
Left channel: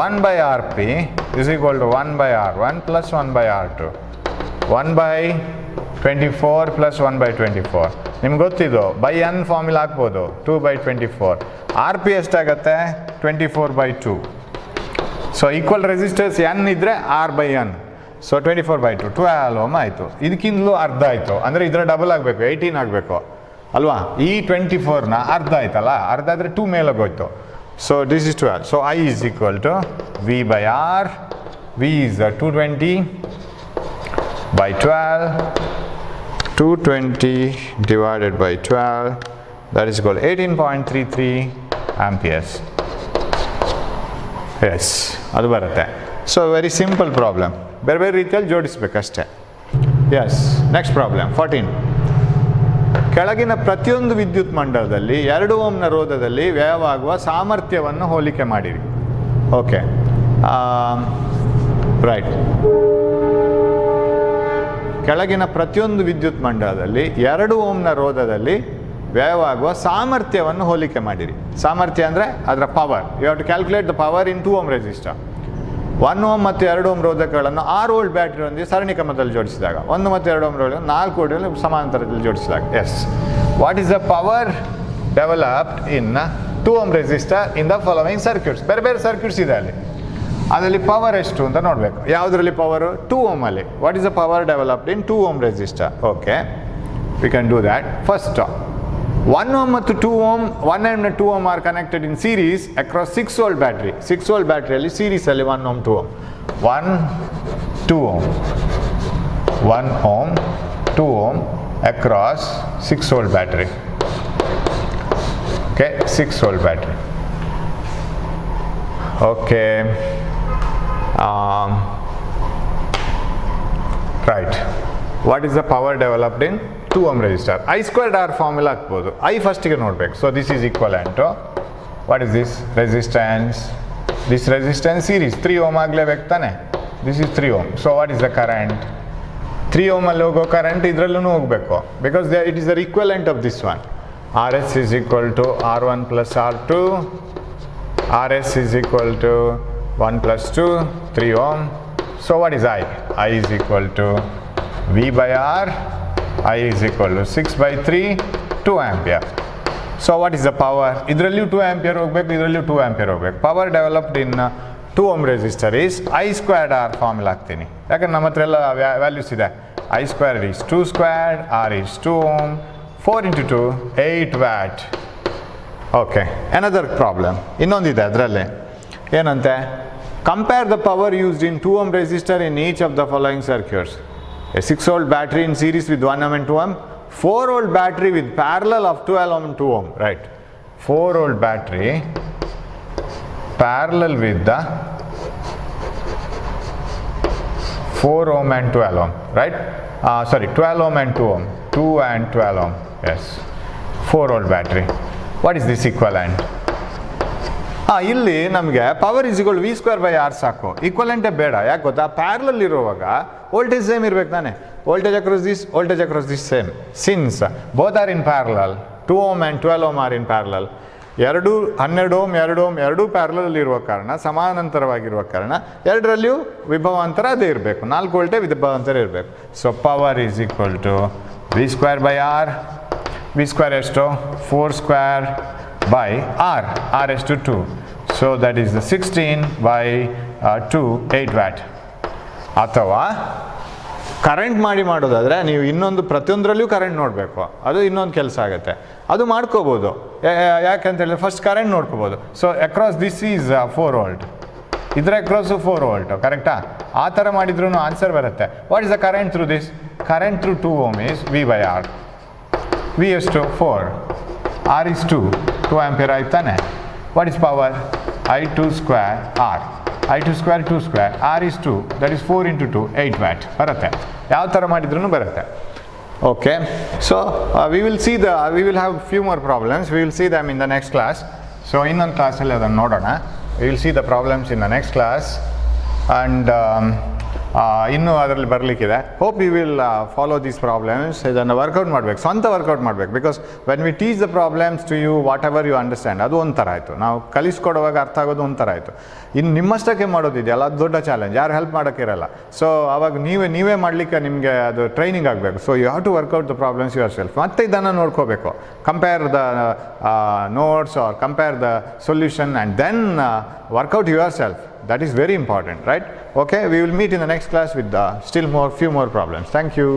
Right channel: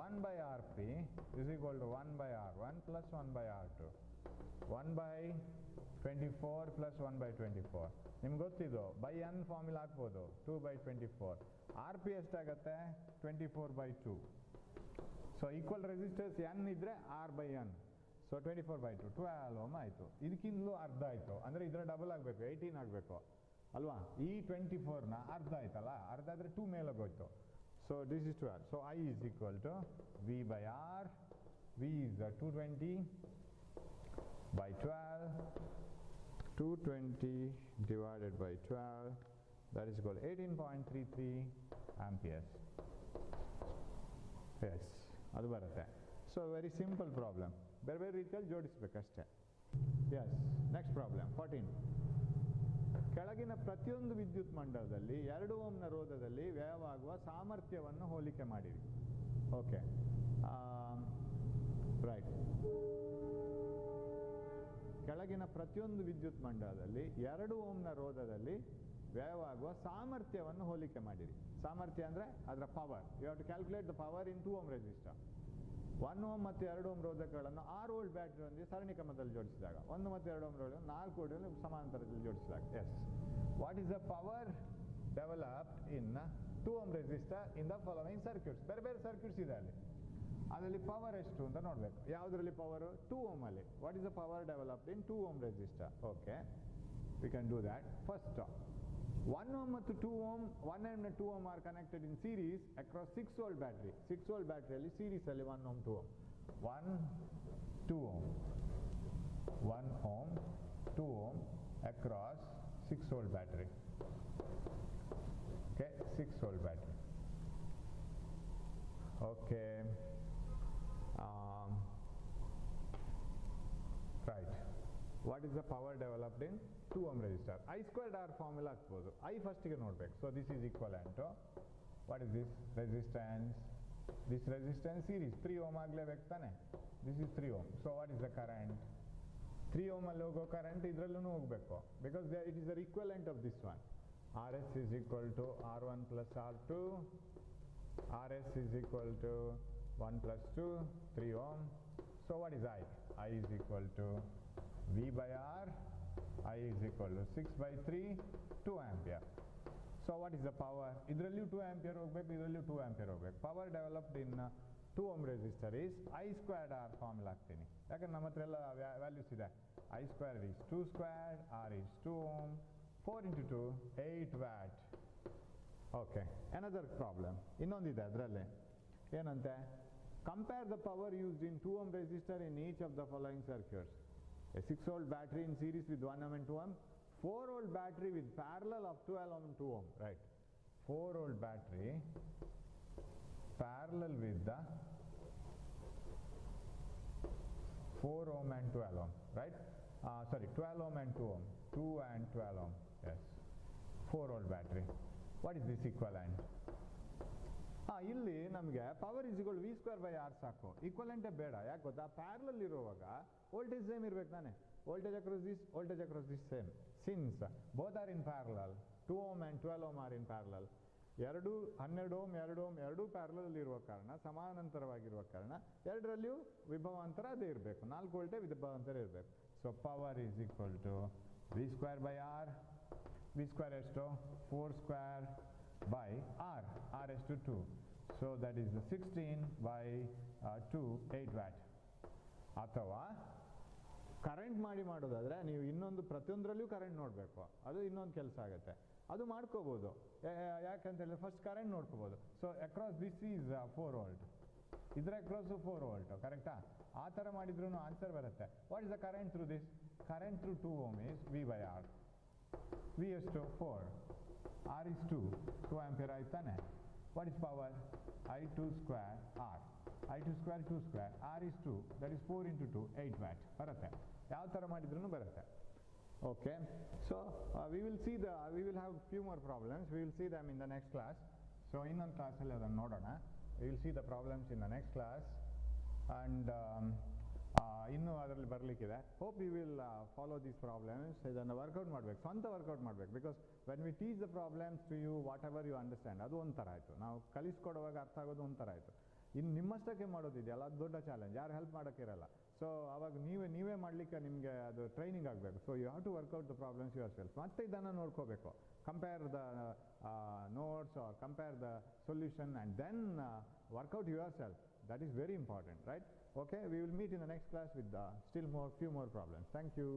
1 by Rp is equal to 1 by R1 plus 1 by R2, 1 by 24 plus 1 by 24. ನಿಮ್ಗೆ ಗೊತ್ತಿದ್ದು ಬೈ n ಫಾರ್ಮುಲಾ ಹಾಕ್ಬೋದು, 2 by 24. Rp ಎಷ್ಟಾಗತ್ತೆ? 24 by 2. So equal resistors n ಇದ್ದರೆ R by n, so 24 by 2 12 ohm ಆಯಿತು. ಇದಕ್ಕಿಂತಲೂ ಅರ್ಧ ಆಯಿತು, ಅಂದರೆ ಇದರ ಡಬಲ್ ಆಗಬೇಕು, 18 ಆಗಬೇಕು ಅಲ್ವಾ? ಈ 24ನ ಅರ್ಧ ಆಯ್ತಲ್ಲ, ಅರ್ಧ ಆದರೆ 2 ಮೇಲೋಗೋಯ್ತು. So this is 12. So I is equal to V by R, V is 220 by 12, 220 divided by 12, that is equal to 18.33 amperes. S, ಅದು ಬರುತ್ತೆ. ಸೊ ವೆರಿ ಸಿಂಪಲ್ ಪ್ರಾಬ್ಲಮ್, ಬೇರೆ ಬೇರೆ ರೀತಿಯಲ್ಲಿ ಜೋಡಿಸ್ಬೇಕಷ್ಟೇ. S, next problem 14. ಕೆಳಗಿನ ಪ್ರತಿಯೊಂದು ವಿದ್ಯುತ್ ಮಂಡಲದಲ್ಲಿ 2 ಓಮ್ನ ರೋಧದಲ್ಲಿ ವ್ಯಯವಾಗುವ ಸಾಮರ್ಥ್ಯವನ್ನು ಹೋಲಿಕೆ ಮಾಡಿರಿ. Okay, right. ಕೆಳಗಿನ ಪ್ರತಿಯೊಂದು ವಿದ್ಯುತ್ ಮಂಡಲದಲ್ಲಿ 2 ಓಮ್ನ ರೋಧದಲ್ಲಿ ವ್ಯಯವಾಗುವ ಸಾಮರ್ಥ್ಯವನ್ನು ಹೋಲಿಕೆ ಮಾಡಿರಿ. ಸಾಮರ್ಥ್ಯ ಅಂದರೆ ಅದರ power. You have to calculate the power in 2 ohm resistor. 1 ohm ಮತ್ತು 2 ಓಮ್ ರೋಧಕಗಳನ್ನು 6 ವೋಲ್ಟ್ ಬ್ಯಾಟ್ರಿಯೊಂದಿಗೆ ಸರಣಿ ಕ್ರಮದಲ್ಲಿ ಜೋಡಿಸಿದಾಗ, 1 ಮತ್ತು 2 ಓಮ್ ರೋಧಕ 4 ವೋಲ್ಟ್ಗಳಲ್ಲಿ ಸಮಾಂತರದಲ್ಲಿ ಜೋಡಿಸಿದಾಗ. Yes, what is the power developed in 2 ohm resistor in the following circuits? ಬೇರೆ ಬೇರೆ ಸರ್ಕ್ಯೂಟ್ಸ್ ಇದೆ ಅಲ್ಲಿ, ಅದರಲ್ಲಿ ಪವರ್ ಎಷ್ಟು ಅಂತ ನೋಡಬೇಕು. ಯಾವುದರಲ್ಲಿ ಪವರು? 2 ಓಮಲ್ಲಿ. What is the power developed in 2 ohm resistor? Okay, we can do that. First, 1 ohm ಮತ್ತು 2 ohm, 1 and 2 ohm are connected in series across 6 volt battery. 6 volt ಬ್ಯಾಟ್ರಿಯಲ್ಲಿ ಸೀರೀಸಲ್ಲಿ 1 ohm 2 ohm, 1 2 ohm, 1 ohm 2 ohm across 6 volt battery. Okay, 6 volt battery. Okay, right. What is the power developed in 2 ohm resistor? I squared R formula ಹಾಕ್ಬೋದು. I ಫಸ್ಟಿಗೆ ನೋಡಬೇಕು. So this is equivalent to, what is this resistance? This resistance series 3 ohm ಆಗಲೇಬೇಕು ತಾನೆ. This is 3 ohm. So what is the current? 3 ohm ಅಲ್ಲಿ ಹೋಗೋ ಕರೆಂಟ್ ಇದರಲ್ಲೂ ಹೋಗಬೇಕು, because it is the equivalent of this one. RS is equal to R1 plus R2, RS is equal to 1 plus 2, 3 ohm. So what is I? I is equal to V by R, I is equal to 6 by 3, 2 ampere. So what is the power? ಇದರಲ್ಲೂ 2 ampere ಹೋಗಬೇಕು, ಇದರಲ್ಲೂ 2 ampere ಹೋಗಬೇಕು. Power developed in 2 ohm resistor is I squared R formula ಹಾಕ್ತೀನಿ, ಯಾಕಂದ್ರೆ ನಮ್ಮ ಹತ್ರ ಎಲ್ಲ ವ್ಯಾಲ್ಯೂಸ್ ಇದೆ. I squared is 2 squared, R is 2 ohm, 4 into 2, 8 watt. Okay, another problem ಇನ್ನೊಂದಿದೆ ಅದರಲ್ಲಿ. ಏನಂತೆ? Compare the power used in 2 ohm resistor in each of the following circuits. A 6 volt battery in series with 1 ohm and 2 ohm, 4 volt battery with parallel of 12 ohm and 2 ohm, right? 4 volt battery parallel with the 4 ohm and 12 ohm, right? 12 ohm and 2 ohm, 2 and 12 ohm, yes. 4 volt battery. What is this equivalent? ಇಲ್ಲಿ ನಮಗೆ power is equal V square by R ಸಾಕು, ಈಕ್ವಲೆಂಟೇ ಬೇಡ. ಯಾಕೆ ಗೊತ್ತಾ? ಪ್ಯಾರಲಲ್ ಇರುವಾಗ ವೋಲ್ಟೇಜ್ ಸೇಮ್ ಇರ್ಬೇಕು ತಾನೆ. Voltage across this, voltage across this same. Since both are in parallel, 2 ohm and 12 ohm are in parallel. 12 ohm 2 ohm ಎರಡೂ ಪ್ಯಾರಲಲ್ ಇರುವ ಕಾರಣ, ಸಮಾನಾಂತರವಾಗಿರುವ ಕಾರಣ ಎರಡರಲ್ಲಿಯೂ ವಿಭವಾಂತರ ಅದೇ ಇರಬೇಕು, 4 ವೋಲ್ಟೇ ವಿಭವಾಂತರ ಇರಬೇಕು. So power is equal to V square by R. V square ಎಷ್ಟು? 4 ಸ್ಕ್ವೇರ್ ಬೈ ಆರ್. ಆರ್ ಎಷ್ಟು? 2. So that is the 16 by 2, 8 watt. ಅಥವಾ ಕರೆಂಟ್ ಮಾಡೋದಾದರೆ ನೀವು ಇನ್ನೊಂದು ಪ್ರತಿಯೊಂದರಲ್ಲಿಯೂ ಕರೆಂಟ್ ನೋಡಬೇಕು, ಅದು ಇನ್ನೊಂದು ಕೆಲಸ ಆಗುತ್ತೆ. ಅದು ಮಾಡ್ಕೋಬೋದು, ಯಾಕಂತ ಹೇಳಿದ್ರೆ ಫಸ್ಟ್ ಕರೆಂಟ್ ನೋಡ್ಕೋಬೋದು. So across this is 4 volt, ಇದರ ಅಕ್ರಾಸು 4 ವೋಲ್ಟ್, ಕರೆಕ್ಟಾ? ಆ ಥರ ಮಾಡಿದ್ರೂ ಆನ್ಸರ್ ಬರುತ್ತೆ. What is the current through this? Current through 2 ohm is V by R. V ಎಷ್ಟು? 4. ಆರ್ ಈಸ್ 2 ಆಂಪಿಯರ್ ಆಯ್ತಾನೆ. What is power? I2 square R. I2 square 2 square, R is 2, that is 4 into 2, 8 watt ಬರುತ್ತೆ. ಯಾವ ಥರ ಮಾಡಿದ್ರೂ ಬರುತ್ತೆ. Okay, so we will have few more problems. We will see them in the next class. So ಇನ್ನೊಂದು ಕ್ಲಾಸಲ್ಲಿ ಅದನ್ನು ನೋಡೋಣ. We will see the problems in the next class. And ಇನ್ನೂ ಅದರಲ್ಲಿ ಬರಲಿಕ್ಕಿದೆ. Hope you will follow these problems. ಇದನ್ನು ವರ್ಕೌಟ್ ಮಾಡಬೇಕು, ಸ್ವಂತ ವರ್ಕೌಟ್ ಮಾಡಬೇಕು. Because when we teach the problems to you, whatever you understand, ಅದು ಒಂಥರ ಆಯಿತು. ನಾವು ಕಲಿಸ್ಕೊಡುವಾಗ ಅರ್ಥ ಆಗೋದು ಒಂಥರ ಆಯಿತು. ಇನ್ನು ನಿಮ್ಮಷ್ಟಕ್ಕೆ ಮಾಡೋದಿದೆಯಲ್ಲ, ಅದು ದೊಡ್ಡ ಚಾಲೆಂಜ್, ಯಾರು ಹೆಲ್ಪ್ ಮಾಡೋಕ್ಕಿರಲ್ಲ. ಸೊ ಅವಾಗ ನೀವೇ ಮಾಡಲಿಕ್ಕೆ ನಿಮಗೆ ಅದು ಟ್ರೈನಿಂಗ್ ಆಗಬೇಕು. So you have to work out the problems yourself. ಮತ್ತೆ ಇದನ್ನು ನೋಡ್ಕೋಬೇಕು, compare the notes or compare the solution and then work out yourself. That is very important, right? Okay, we will meet in the next class with few more problems. Thank you.